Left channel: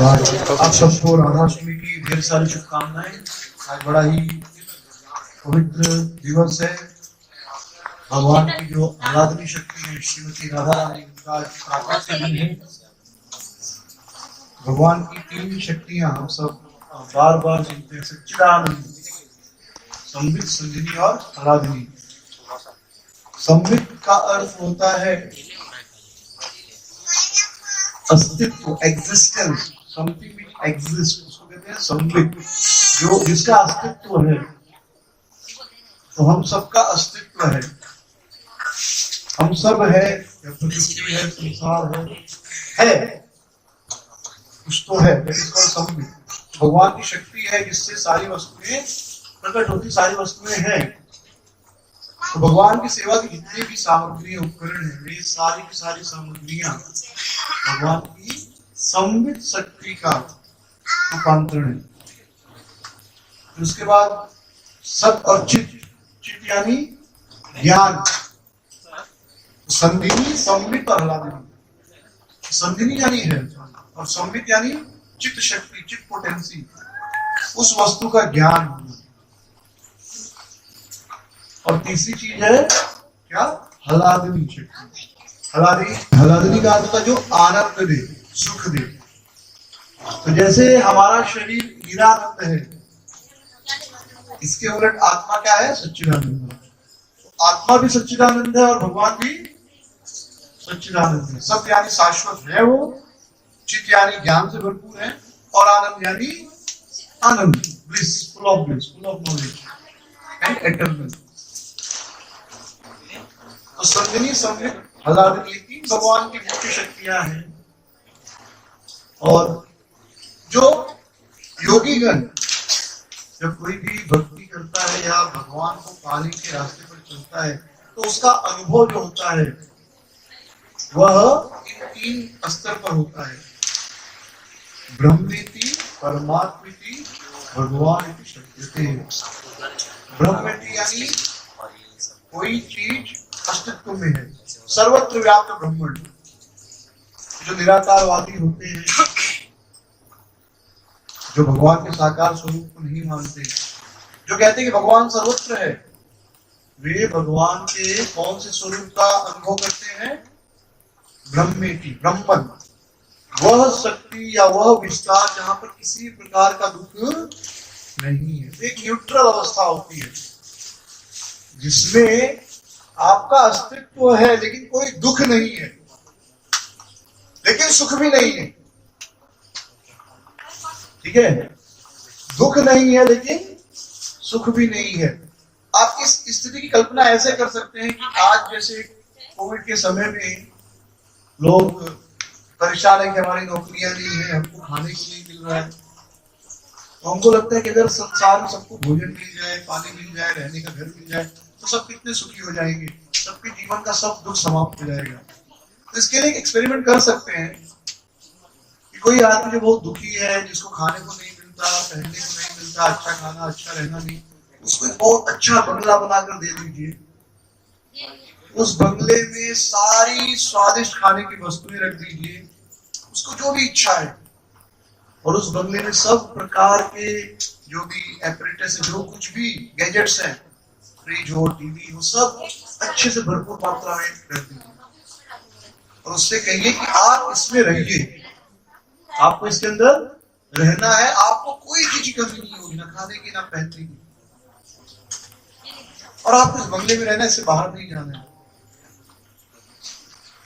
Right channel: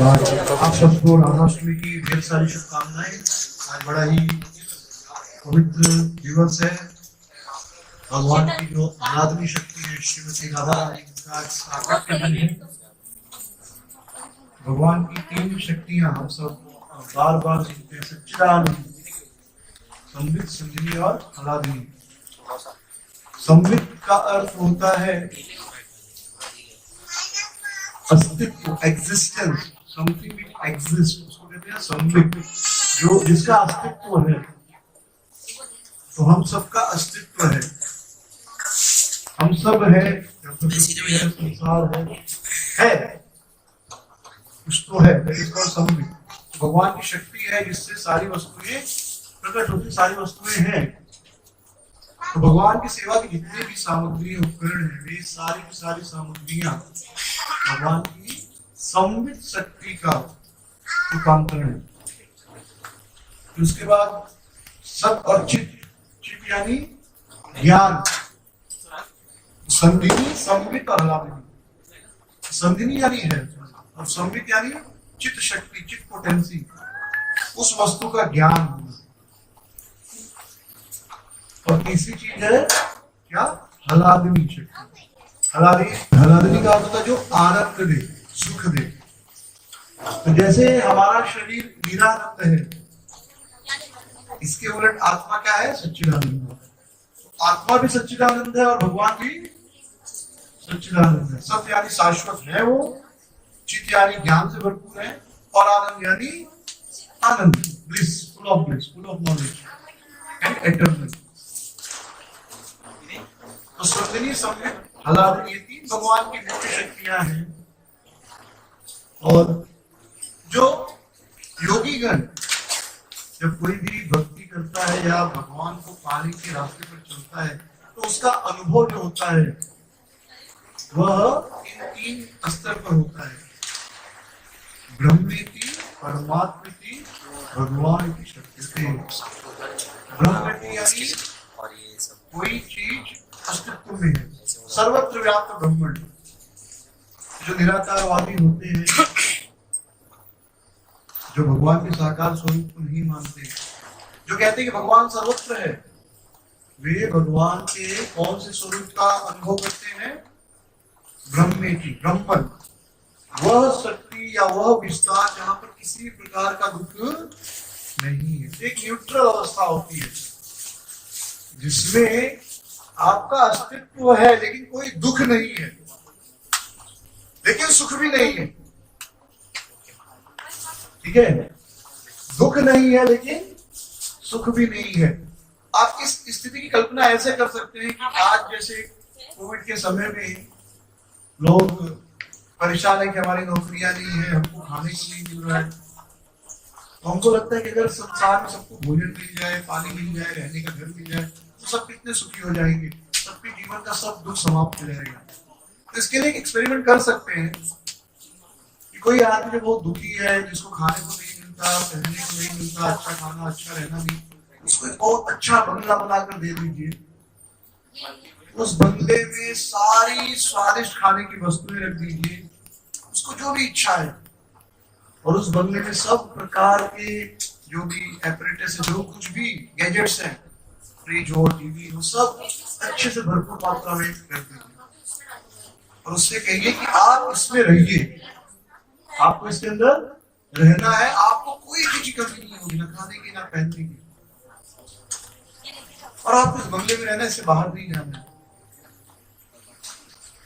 आप सबको राधाष्टमी की ढेर सारी शुभकामनाएं। आज बड़ा ही पवित्र दिवस है। भगवान की जो आराधनी शक्ति है श्रीमती राधा रानी का आज प्राकट्य दिन है। भगवान की तीन शक्तियां हम सब बार बार सुनते हैं, सच्चिदानंद, संबित, संजनी और आराधनी। संबित का अर्थ होता है अस्तित्व, एग्जिस्टेंस, समथिंग विच एग्जिस्ट, उसको कहते हैं संबित, जो जिसका अस्तित्व है। तो हम सबका अस्तित्व है, हम सब है, प्रकृति है, संसार है कुछ तो है, इसको संबित। भगवान की शक्ति है जिससे सारी वस्तुएं प्रकट होती, सारी वस्तुएं हैं। तो भगवान की सेवा की जितनी भी सामग्री उपकरण है, वे सारी की सारी सामग्रियां भगवान की संबित शक्ति का रूपांतरण है। उसके बाद सत और चित, चित यानी ज्ञान, संधिनी, संबित और आह्लादिनी। संधिनी यानी है और संबित यानी चित्त शक्ति, चित्त पोटेंसी, उस वस्तु का ज्ञान होना। और तीसरी चीज है क्या? आह्लादिनी शक्ति। आह्लादिनी का अर्थ होता है जो आनंद दे, सुख दे। तो जैसे हमारा शरीर निरानंद है, इसके उलट आत्मा क्या है? सच्चिदानंद। आत्मा भी सच्चिदानंद है और भगवान भी सच्चिदानंद है। सत्य यानी शाश्वत है वो, चित्त यानी ज्ञान से भरपूर है, और आनंद यानी आनंद, bliss, full of knowledge and eternal. तो संजनी, संबित, आह्लादिनी, तीन भगवान की मुख्य शक्तियां हैं। और जो योगीगण जब कोई भी भक्ति करता है या भगवान को पाने के रास्ते पर चलता है, तो उसका अनुभव जो होता है वह इन तीन स्तर पर होता है। ब्रह्मेति, परमात्मेति, भगवानेति शक्यते। ब्रह्मेति यानी कोई चीज अस्तित्व में है, सर्वत्र व्याप्त ब्रह्मंड। जो निराकारवादी होते हैं, जो भगवान के साकार स्वरूप को नहीं मानते, जो कहते हैं कि भगवान सर्वत्र है, वे भगवान के कौन से स्वरूप का अनुभव करते हैं? ब्रह्मेति, ब्रह्मन, वह शक्ति या वह विस्तार जहां पर किसी प्रकार का दुख नहीं है। एक न्यूट्रल अवस्था होती है जिसमें आपका अस्तित्व है लेकिन कोई दुख नहीं है, लेकिन सुख भी नहीं है। ठीक है, दुख नहीं है लेकिन सुख भी नहीं है। आप इस स्थिति की कल्पना ऐसे कर सकते हैं कि आज जैसे कोविड के समय में लोग परेशान है कि हमारी नौकरियां नहीं है, हमको खाने को नहीं मिल रहा है। तो हमको लगता है कि अगर संसार में सबको भोजन मिल जाए, पानी मिल जाए, रहने का घर मिल जाए, तो सब कितने सुखी हो जाएंगे, सबके जीवन का सब दुख समाप्त हो जाएगा। तो इसके लिए एक एक्सपेरिमेंट कर सकते हैं कि कोई आदमी जो बहुत दुखी है, जिसको खाने को नहीं मिलता, पहनने को नहीं मिलता, अच्छा खाना, अच्छा रहना नहीं, उसको एक बहुत अच्छा बंगला बनाकर दे दीजिए। उस बंगले में सारी स्वादिष्ट खाने की वस्तुएं रख दीजिए, उसको जो भी इच्छा है, और उस बंगले में सब प्रकार के जो भी एपरेटस है, जो कुछ भी गैजेट्स हैं, फ्रिज हो, टीवी हो, सब अच्छे से भरपूर मात्रा में रख दीजिए। और उससे कहिए कि आप इसमें रहिए, आपको इसके अंदर रहना है, आपको कोई चीज की कमी नहीं होगी, ना खाने की ना पहनने की, और आपको इस बंगले में रहना है, इससे बाहर नहीं जाना है,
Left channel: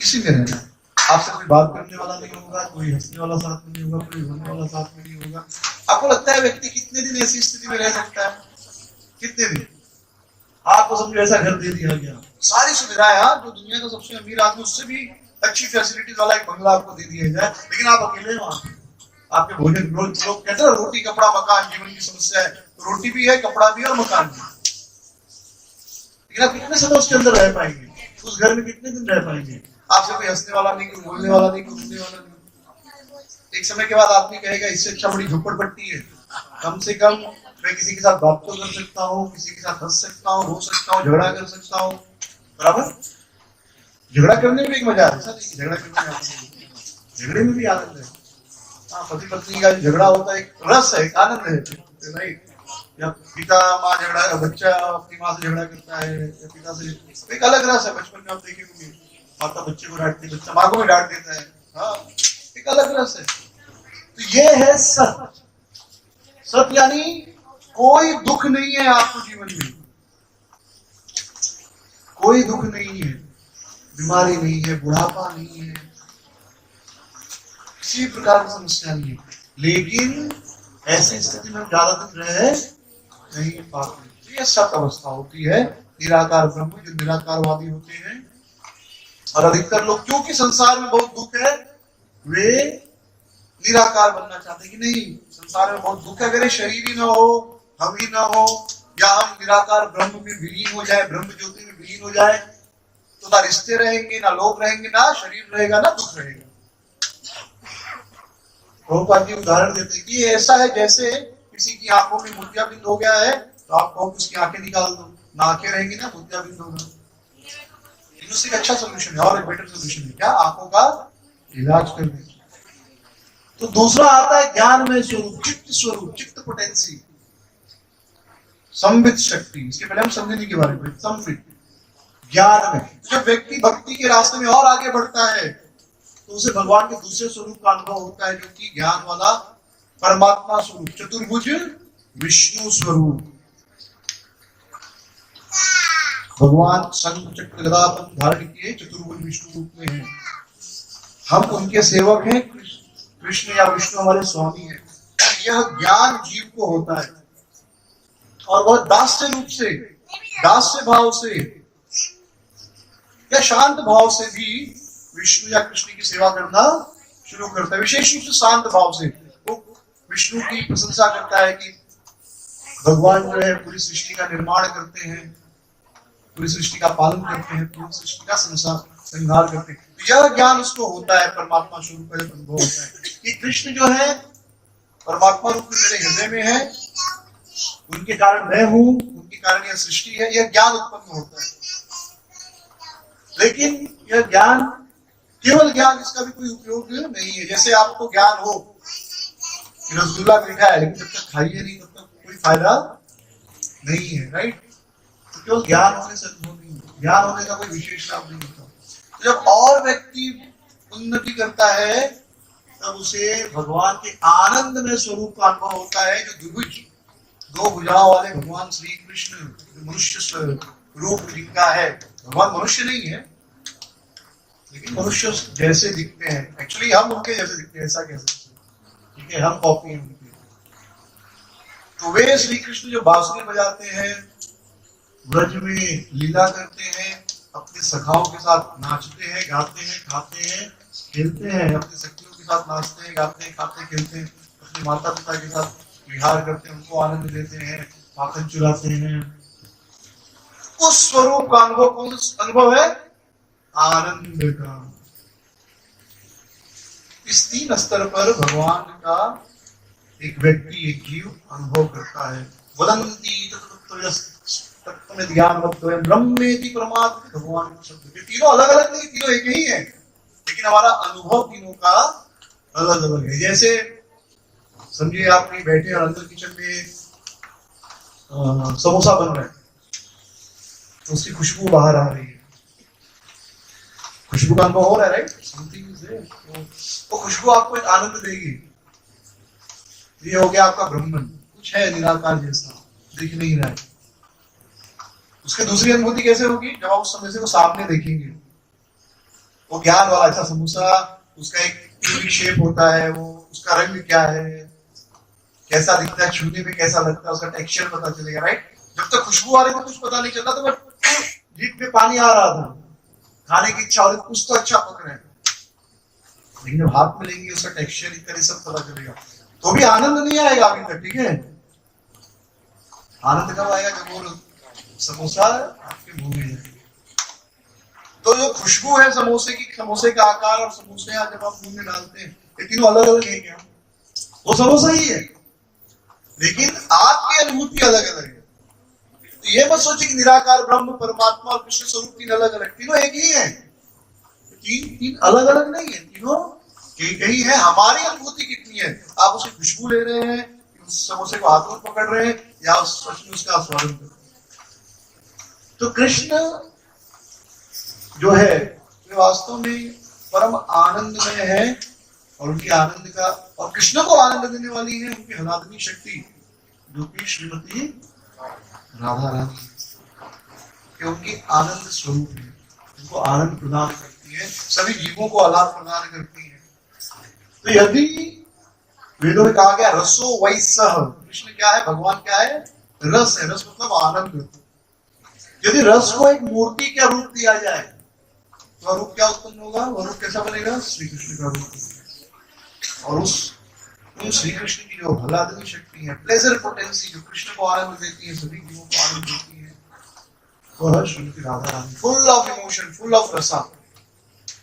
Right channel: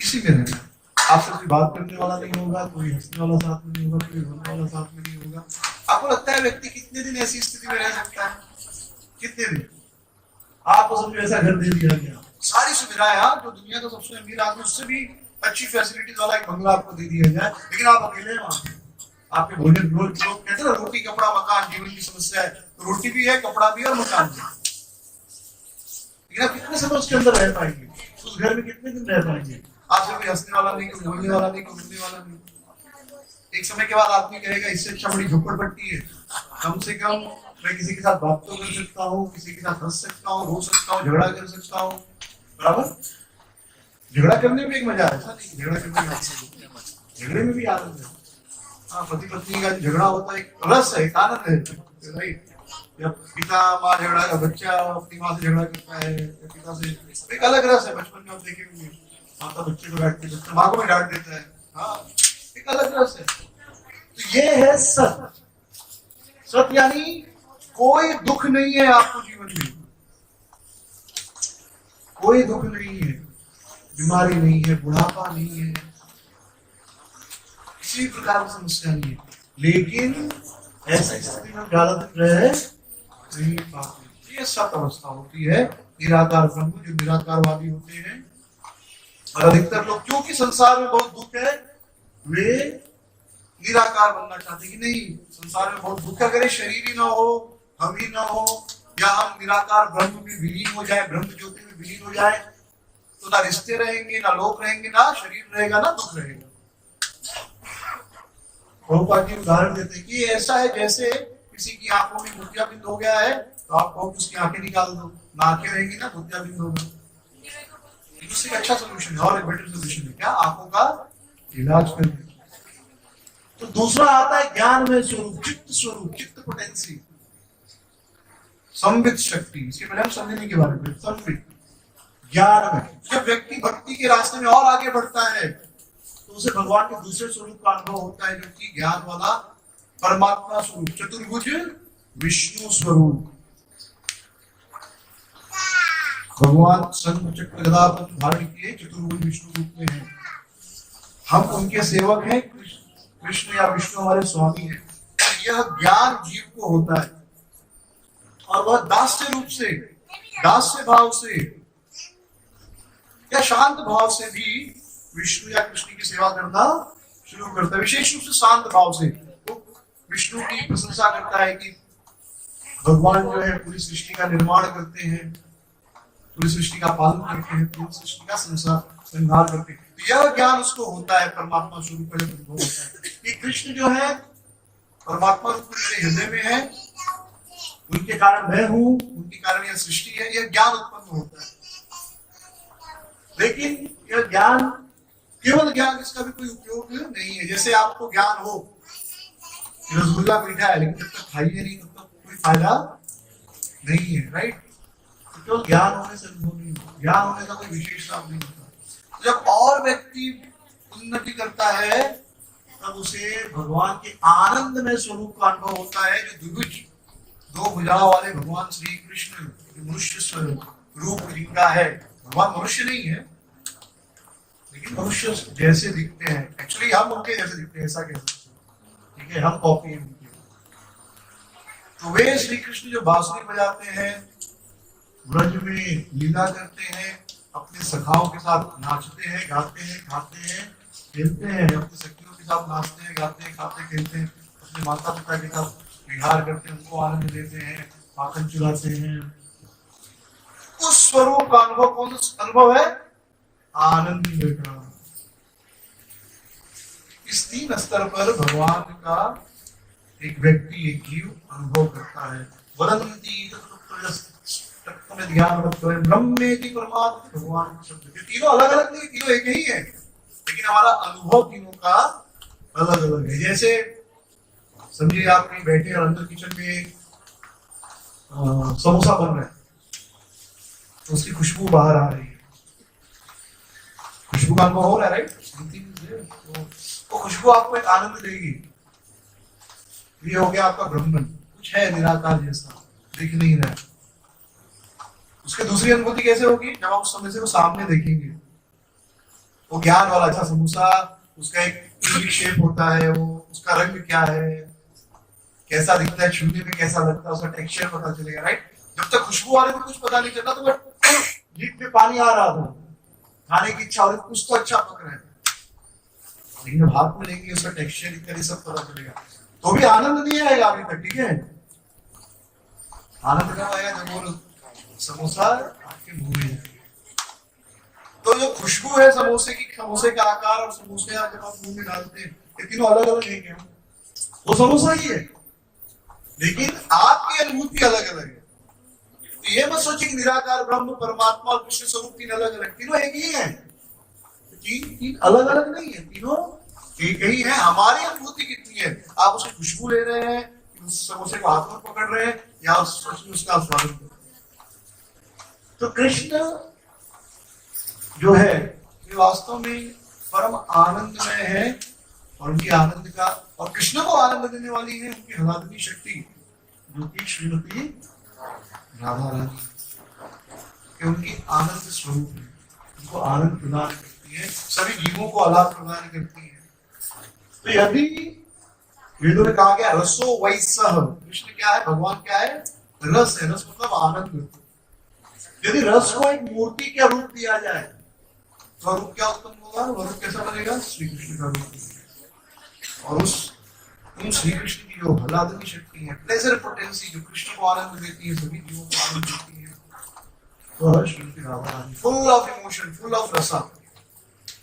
इसी में रहना है। आपसे कोई बात करने वाला नहीं होगा, कोई हंसने वाला साथ में नहीं होगा, कोई रोने वाला साथ में नहीं होगा। आपको लगता है व्यक्ति कितने दिन ऐसी स्थिति में रह सकता है? कितने दिन? आपको समझो ऐसा घर दे दिया गया, सारी सुविधाएं, जो दुनिया का सबसे अमीर आदमी, उससे भी अच्छी फैसिलिटीज वाला एक बंगला आपको दे दिया जाए, लेकिन आप अकेले वहां पे, आपके भोजन, लोग कहते हैं रोटी कपड़ा मकान जीवन की समस्या है, तो रोटी भी है, कपड़ा भी है और मकान भी। लेकिन आप कितने समय उसके अंदर रह पाएंगे? उस घर में कितने दिन रह पाएंगे? आपसे कोई हंसने वाला नहीं, कोई बोलने वाला नहीं, कोई सुनने वाला नहीं। एक समय के बाद आदमी कहेगा इससे अच्छा बड़ी झोपड़पट्टी है, कम से कम मैं किसी के साथ बात तो कर सकता हूँ, किसी के साथ हंस सकता हूँ, रो सकता हूँ, झगड़ा कर सकता हूँ। बराबर, झगड़ा करने में एक मजा है, ऐसा नहीं कि झगड़ा करने में, झगड़े में भी आनंद है। हाँ, पति पत्नी का झगड़ा होता है, एक रस है, एक आनंद है, राइट? या पिता माँ झगड़ा, बच्चा अपनी माँ से झगड़ा करता है या पिता से, एक अलग रस है। बचपन में आप देखे होंगे, माता बच्चे को डांटती है, बच्चा माँ को भी डांट देता है। हाँ, एक अलग रस है। तो ये है सत। सत यानी कोई दुख नहीं है आपको जीवन में, कोई दुख नहीं है, बीमारी नहीं है, बुढ़ापा नहीं है, किसी प्रकार की समस्या नहीं है। लेकिन ऐसी स्थिति में हम ज्यादा दिन रह नहीं पाते। ये सत अवस्था होती है निराकार ब्रह्म, जो निराकारवादी होते हैं। और अधिकतर लोग, क्योंकि संसार में बहुत दुख है, वे निराकार बनना चाहते कि नहीं, संसार में बहुत दुख है, अगर शरीर ही ना हो, हम ही ना हो, या हम निराकार ब्रह्म में विलीन हो जाए, ब्रह्म ज्योति में विलीन हो जाए, तो ना रिश्ते रहेंगे, ना लोग रहेंगे, ना शरीर रहेगा, ना दुख रहेगा। प्रभुपाद जी उदाहरण देते हैं कि ऐसा है जैसे किसी की आंखों में मोतियाबिंद हो गया है, तो आप कहो उसकी आंखें निकाल दो, ना आंखें रहेंगी ना मोतियाबिंद होगा। उससे एक अच्छा सोल्यूशन है, और एक बेटर सोल्यूशन है, क्या? आंखों का इलाज करने। तो दूसरा आता है ज्ञान में स्वरूप, चित्त स्वरूप, चित्त पोटेंसी, संवित शक्ति। इसके पहले हम समझने के बारे में, संवित ज्ञान में जब व्यक्ति भक्ति के रास्ते में और आगे बढ़ता है, तो उसे भगवान के दूसरे स्वरूप का अनुभव होता है, जो कि ज्ञान वाला परमात्मा स्वरूप, चतुर्भुज विष्णु स्वरूप। भगवान शंख चक्र गदा धारण किए चतुर्भुज विष्णु रूप में है। हम उनके सेवक हैं, कृष्ण या विष्णु हमारे स्वामी हैं। यह ज्ञान जीव को होता है, और वह दास्य रूप से, दास्य भाव से या शांत भाव से भी विष्णु या कृष्ण की सेवा करना शुरू करता है। विशेष रूप से शांत भाव से वो विष्णु की प्रशंसा करता है कि भगवान जो है पूरी सृष्टि का निर्माण करते हैं, पूरी सृष्टि का पालन करते हैं, पूरी सृष्टि का संहार करते हैं। यह ज्ञान उसको होता है, परमात्मा स्वरूप का अनुभव होता है कि कृष्ण जो है परमात्मा रूप में मेरे हृदय में है, उनके कारण मैं हूं, उनके कारण यह सृष्टि है। यह ज्ञान उत्पन्न होता है। लेकिन यह ज्ञान केवल ज्ञान, इसका भी कोई उपयोग नहीं है। जैसे आपको ज्ञान हो कि रसगुल्ला मीठा है, लेकिन जब तक खाइए नहीं तब तक कोई फायदा नहीं है, राइट? तो केवल ज्ञान होने से अनुभव नहीं होता, ज्ञान होने का कोई विशेष लाभ नहीं होता। तो जब और व्यक्ति उन्नति करता है, तब उसे भगवान के आनंदमय स्वरूप का अनुभव होता है, जो द्विभुज, दो भुजाओं वाले भगवान श्री कृष्ण, मनुष्य रूप जिनका है। भगवान मनुष्य नहीं है, लेकिन मनुष्य जैसे दिखते हैं। एक्चुअली हम उनके जैसे दिखते हैं, ऐसा कह सकते हैं, ठीक है? हम कॉपी हैं उनके। तो वे श्री कृष्ण जो बांसुरी बजाते हैं, ब्रज में लीला करते हैं, अपने सखाओं के साथ नाचते हैं, गाते हैं, खाते हैं, खेलते हैं, अपने सखियों के साथ नाचते हैं, गाते हैं, खाते खेलते हैं, अपने माता पिता के साथ विहार करते हैं, उनको आनंद देते हैं, माखन चुराते हैं। उस स्वरूप का अनुभव कौन सा अनुभव है? आनंद का। इस तीन स्तर पर भगवान का एक व्यक्ति, एक जीव अनुभव करता है। वदन्ति तत्त्वमेव ज्ञानवत्त्वं ब्रह्मेति परमात्मा। भगवान शब्द के तीनों अलग अलग नहीं, तीनों एक ही है, लेकिन हमारा अनुभव तीनों का अलग अलग है। जैसे समझिए आप कहीं बैठे और अंदर किचन में समोसा बन रहा है, तो उसकी खुशबू बाहर आ रही है, खुशबू का अनुभव हो रहा है, राइट? वो खुशबू आपको एक आनंद देगी। ये हो गया आपका ब्रह्मन, कुछ है निराकार जैसा, दिख नहीं रहा है। उसकी दूसरी अनुभूति कैसे होगी? जब आप उस समय से वो सामने देखेंगे, वो ज्ञान वाला अच्छा समोसा, उसका एक यूनिक शेप होता है, वो उसका रंग क्या है, कैसा दिखता है, छूने में कैसा लगता है, उसका टेक्सचर पता चलेगा, राइट? जब तक खुशबू आ रही तो कुछ पता नहीं चलता, तो जीभ में पानी आ रहा था, खाने की इच्छा हो रही, कुछ तो अच्छा पक रहा है, लेकिन जब हाथ में लेंगे उसका टेक्सचर इत्यादि सब पता चलेगा, तो भी आनंद नहीं आएगा अभी तक, ठीक है? आनंद कब आएगा? जब वो समोसा आपके मुंह में जाएगा। तो जो खुशबू है समोसे की, समोसे का आकार और समोसे जब आप मुंह में डालते हैं, ये तीनों अलग अलग है क्या? वो समोसा ही है, लेकिन आपकी अनुभूति अलग अलग है। तो ये मत सोचिए कि निराकार ब्रह्म परमात्मा और कृष्ण स्वरूप तीन अलग अलग, तीनों एक ही है। तीन अलग अलग नहीं है, तीनों कहीं कहीं है, हमारी अनुभूति कितनी है। आप उसकी खुशबू ले रहे हैं, उस समोसे को हाथ में पकड़ रहे हैं, या सच में उसका स्वागत कर रहे हैं। तो कृष्ण जो है वे वास्तव में परम आनंद में है, और उनके आनंद का, और कृष्ण को आनंद देने वाली है उनकी हलादनी शक्ति, जो कि श्रीमती राधा रानी, कि उनकी आनंद स्वरूप है, उनको आनंद प्रदान करती है, सभी जीवों को आह्लाद प्रदान करती है। तो यदि वेदों में कहा गया रसो वैसह, कृष्ण क्या है, भगवान क्या है, रस है। रस मतलब आनंद। यदि रस को एक मूर्ति का रूप दिया जाए तो रूप क्या उत्पन्न होगा, वह रूप कैसा बनेगा, श्री कृष्ण का रूप। और उन श्री कृष्ण की जो हलादनी शक्ति है, प्लेजर पोटेंसी, जो कृष्ण को आनंद देती है, सभी जीवों को आनंद देती है, वह Shrimati Radha Rani, full of emotion, full of रसा।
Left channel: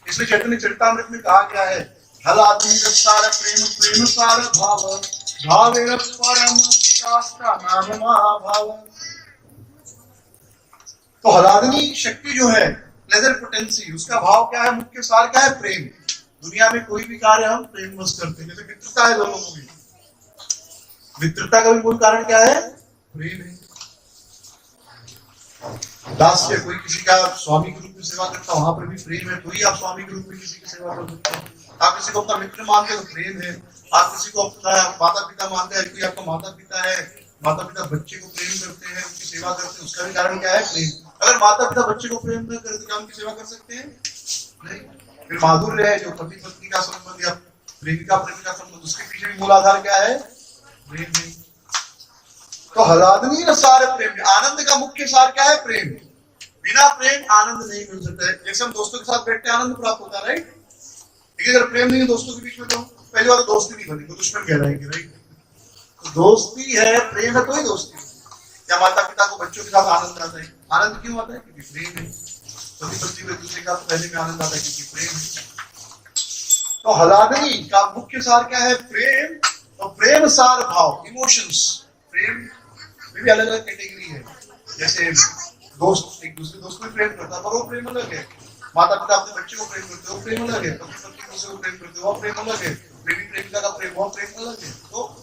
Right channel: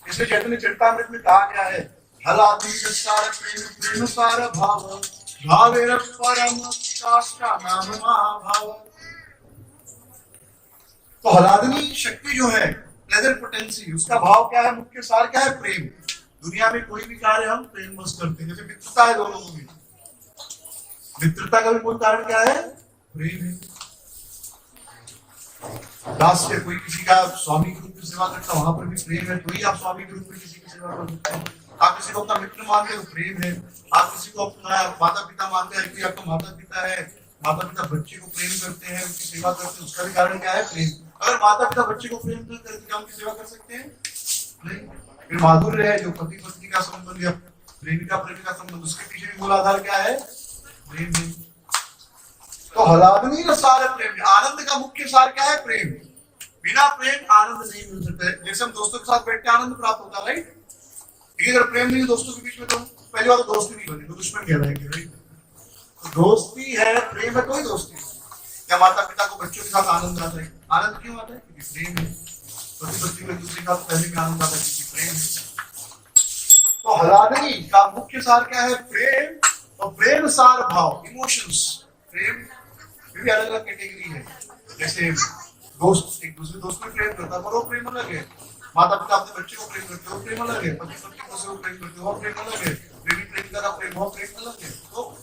इसलिए चैतन्य चरितामृत में कहा गया है, हलादनी रसार प्रेम प्रेम सार भाव, भावेर परम काष्ठा नाम महाभाव। तो हलादनी शक्ति जो है, प्लेजर पोटेंसी, उसका भाव क्या है, मुख्य सार क्या है, प्रेम। दुनिया में कोई भी कार्य हम प्रेम बस करते हैं, जैसे मित्रता है दोनों में, मित्रता का भी मूल कारण क्या है, प्रेम है। दास्य, कोई किसी का स्वामी के रूप में सेवा करता, वहां पर भी प्रेम है, तो ही आप स्वामी के रूप में किसी की सेवा कर सकते हैं। आप किसी को अपना मित्र मानते हो तो प्रेम है। आप किसी को अपना माता पिता मानते हैं, कोई आपका माता पिता है, माता पिता बच्चे को प्रेम करते हैं, उनकी सेवा करते हैं, उसका भी कारण क्या है, प्रेम। अगर माता पिता बच्चे को प्रेम न करते, क्या उनकी सेवा कर सकते हैं, नहीं। फिर माधुर्य है, जो पति पत्नी का संबंध या प्रेमिका प्रेमिका संबंध, उसके पीछे भी मूल आधार क्या है, प्रेम है। तो हलादनी रसार प्रेम, आनंद का मुख्य सार क्या है, प्रेम। बिना प्रेम आनंद नहीं मिल सकता है। जैसे हम दोस्तों के साथ बैठते हैं, आनंद प्राप्त होता है, राइट। लेकिन अगर प्रेम नहीं है दोस्तों के बीच में, तो पहली बार तो दोस्ती नहीं बनी, तो दुश्मन कहलाएंगे, राइट। तो दोस्ती है, प्रेम है, तो ही दोस्ती है। क्या माता पिता को बच्चों के साथ आनंद आता है, आनंद क्यों आता है, क्योंकि प्रेम है। पति पत्नी को एक दूसरे का पहले में आनंद आता है, क्योंकि प्रेम है। तो हलादनी का मुख्य सार क्या है, प्रेम। और प्रेम सार भाव, इमोशंस। प्रेम में भी अलग अलग कैटेगरी है। जैसे दोस्त एक दूसरे दोस्त को प्रेम करता है, पर वो प्रेम अलग है। माता पिता अपने बच्चे को प्रेम करते हो, प्रेम अलग है। पति पत्नी को प्रेम करते हो, प्रेम अलग है। प्रेमी प्रेमिका का प्रेम, वो प्रेम अलग है। तो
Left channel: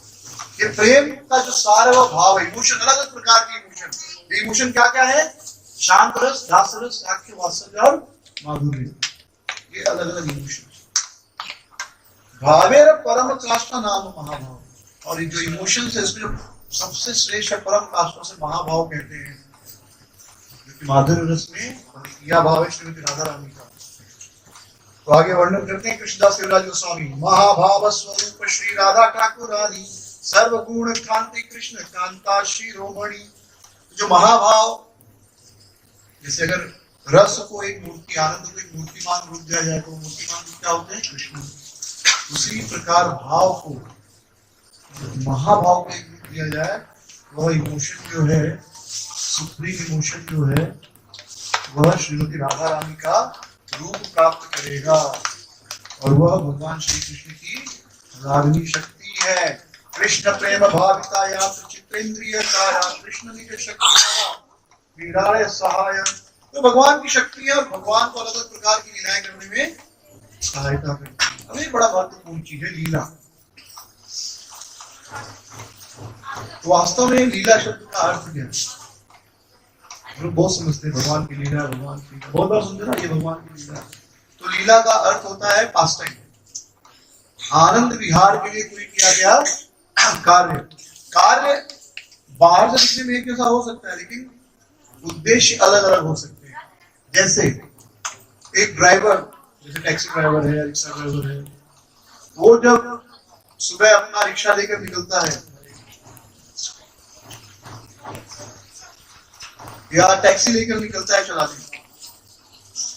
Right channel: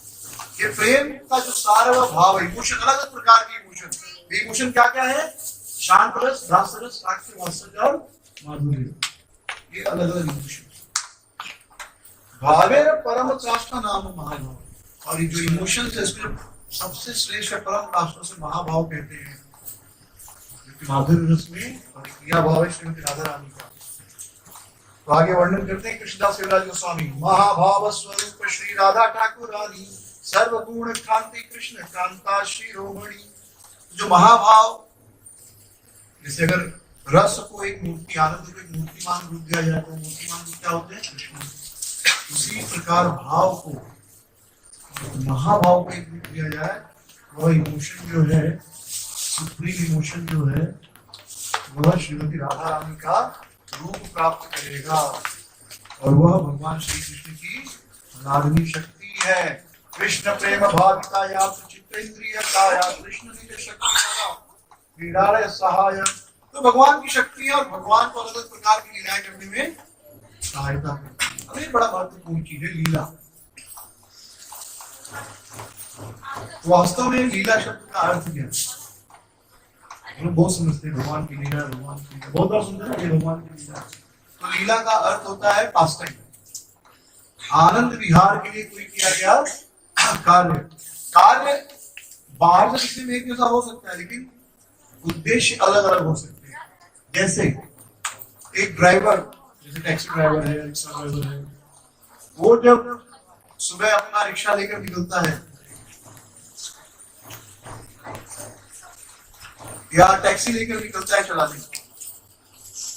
ये प्रेम का जो सार है वो भाव है, इमोशन, अलग अलग प्रकार के इमोशन। इमोशन क्या क्या है, शांत रस, दास रस, साक्ष्य, वात्सल्य और माधुर्य, ये अलग अलग इमोशन। भावेर परम काष्ठा नाम महाभाव, और ये जो इमोशंस है इसमें सबसे श्रेष्ठ परम काष्ठों से महाभाव कहते हैं, जो कि माधुर्य रस में क्रिया भाव है श्रीमती राधा रानी का। तो आगे वर्णन करते हैं कृष्णदास कविराज गोस्वामी, महाभाव स्वरूप श्री राधा ठाकुर रानी, सर्वगुण कांति कृष्ण कांता शिरोमणि। जो महाभाव, जैसे अगर रस को एक मूर्ति, आनंद को एक मूर्तिमान रूप दिया जाए, तो मूर्तिमान रूप क्या होते हैं, कृष्ण। उसी प्रकार भाव को, महाभाव को एक रूप दिया जाए, वह इमोशन जो है, सुप्रीम इमोशन जो है, वह श्रीमती राधा रानी का रूप प्राप्त करेगा, और वह भगवान श्री कृष्ण की रागनी शक्ति है। कृष्ण प्रेम भाविताया चित्तेंद्रिय काया, कृष्ण निज शक्ति क्रीड़ा सहाय। तो भगवान की शक्ति है, और भगवान को अलग अलग प्रकार की लीलाएं करने में सहायता करती है। अब ये बड़ा महत्वपूर्ण चीज है, लीला। वास्तव में लीला शब्द का अर्थ क्या है, लोग बहुत समझते हैं, भगवान की लीला, भगवान की लीला, बहुत बार सुनते ना, ये भगवान की लीला। तो लीला का अर्थ होता है पास टाइम, आनंद विहार के लिए कोई किया गया कार्य। कार्य बाहर से दिखने में एक जैसा हो सकता है, लेकिन उद्देश्य अलग अलग हो सकते हैं। जैसे एक ड्राइवर, जैसे टैक्सी ड्राइवर है, रिक्शा ड्राइवर है, वो जब सुबह अपना रिक्शा लेकर निकलता है या टैक्सी लेकर निकलता है चलाने,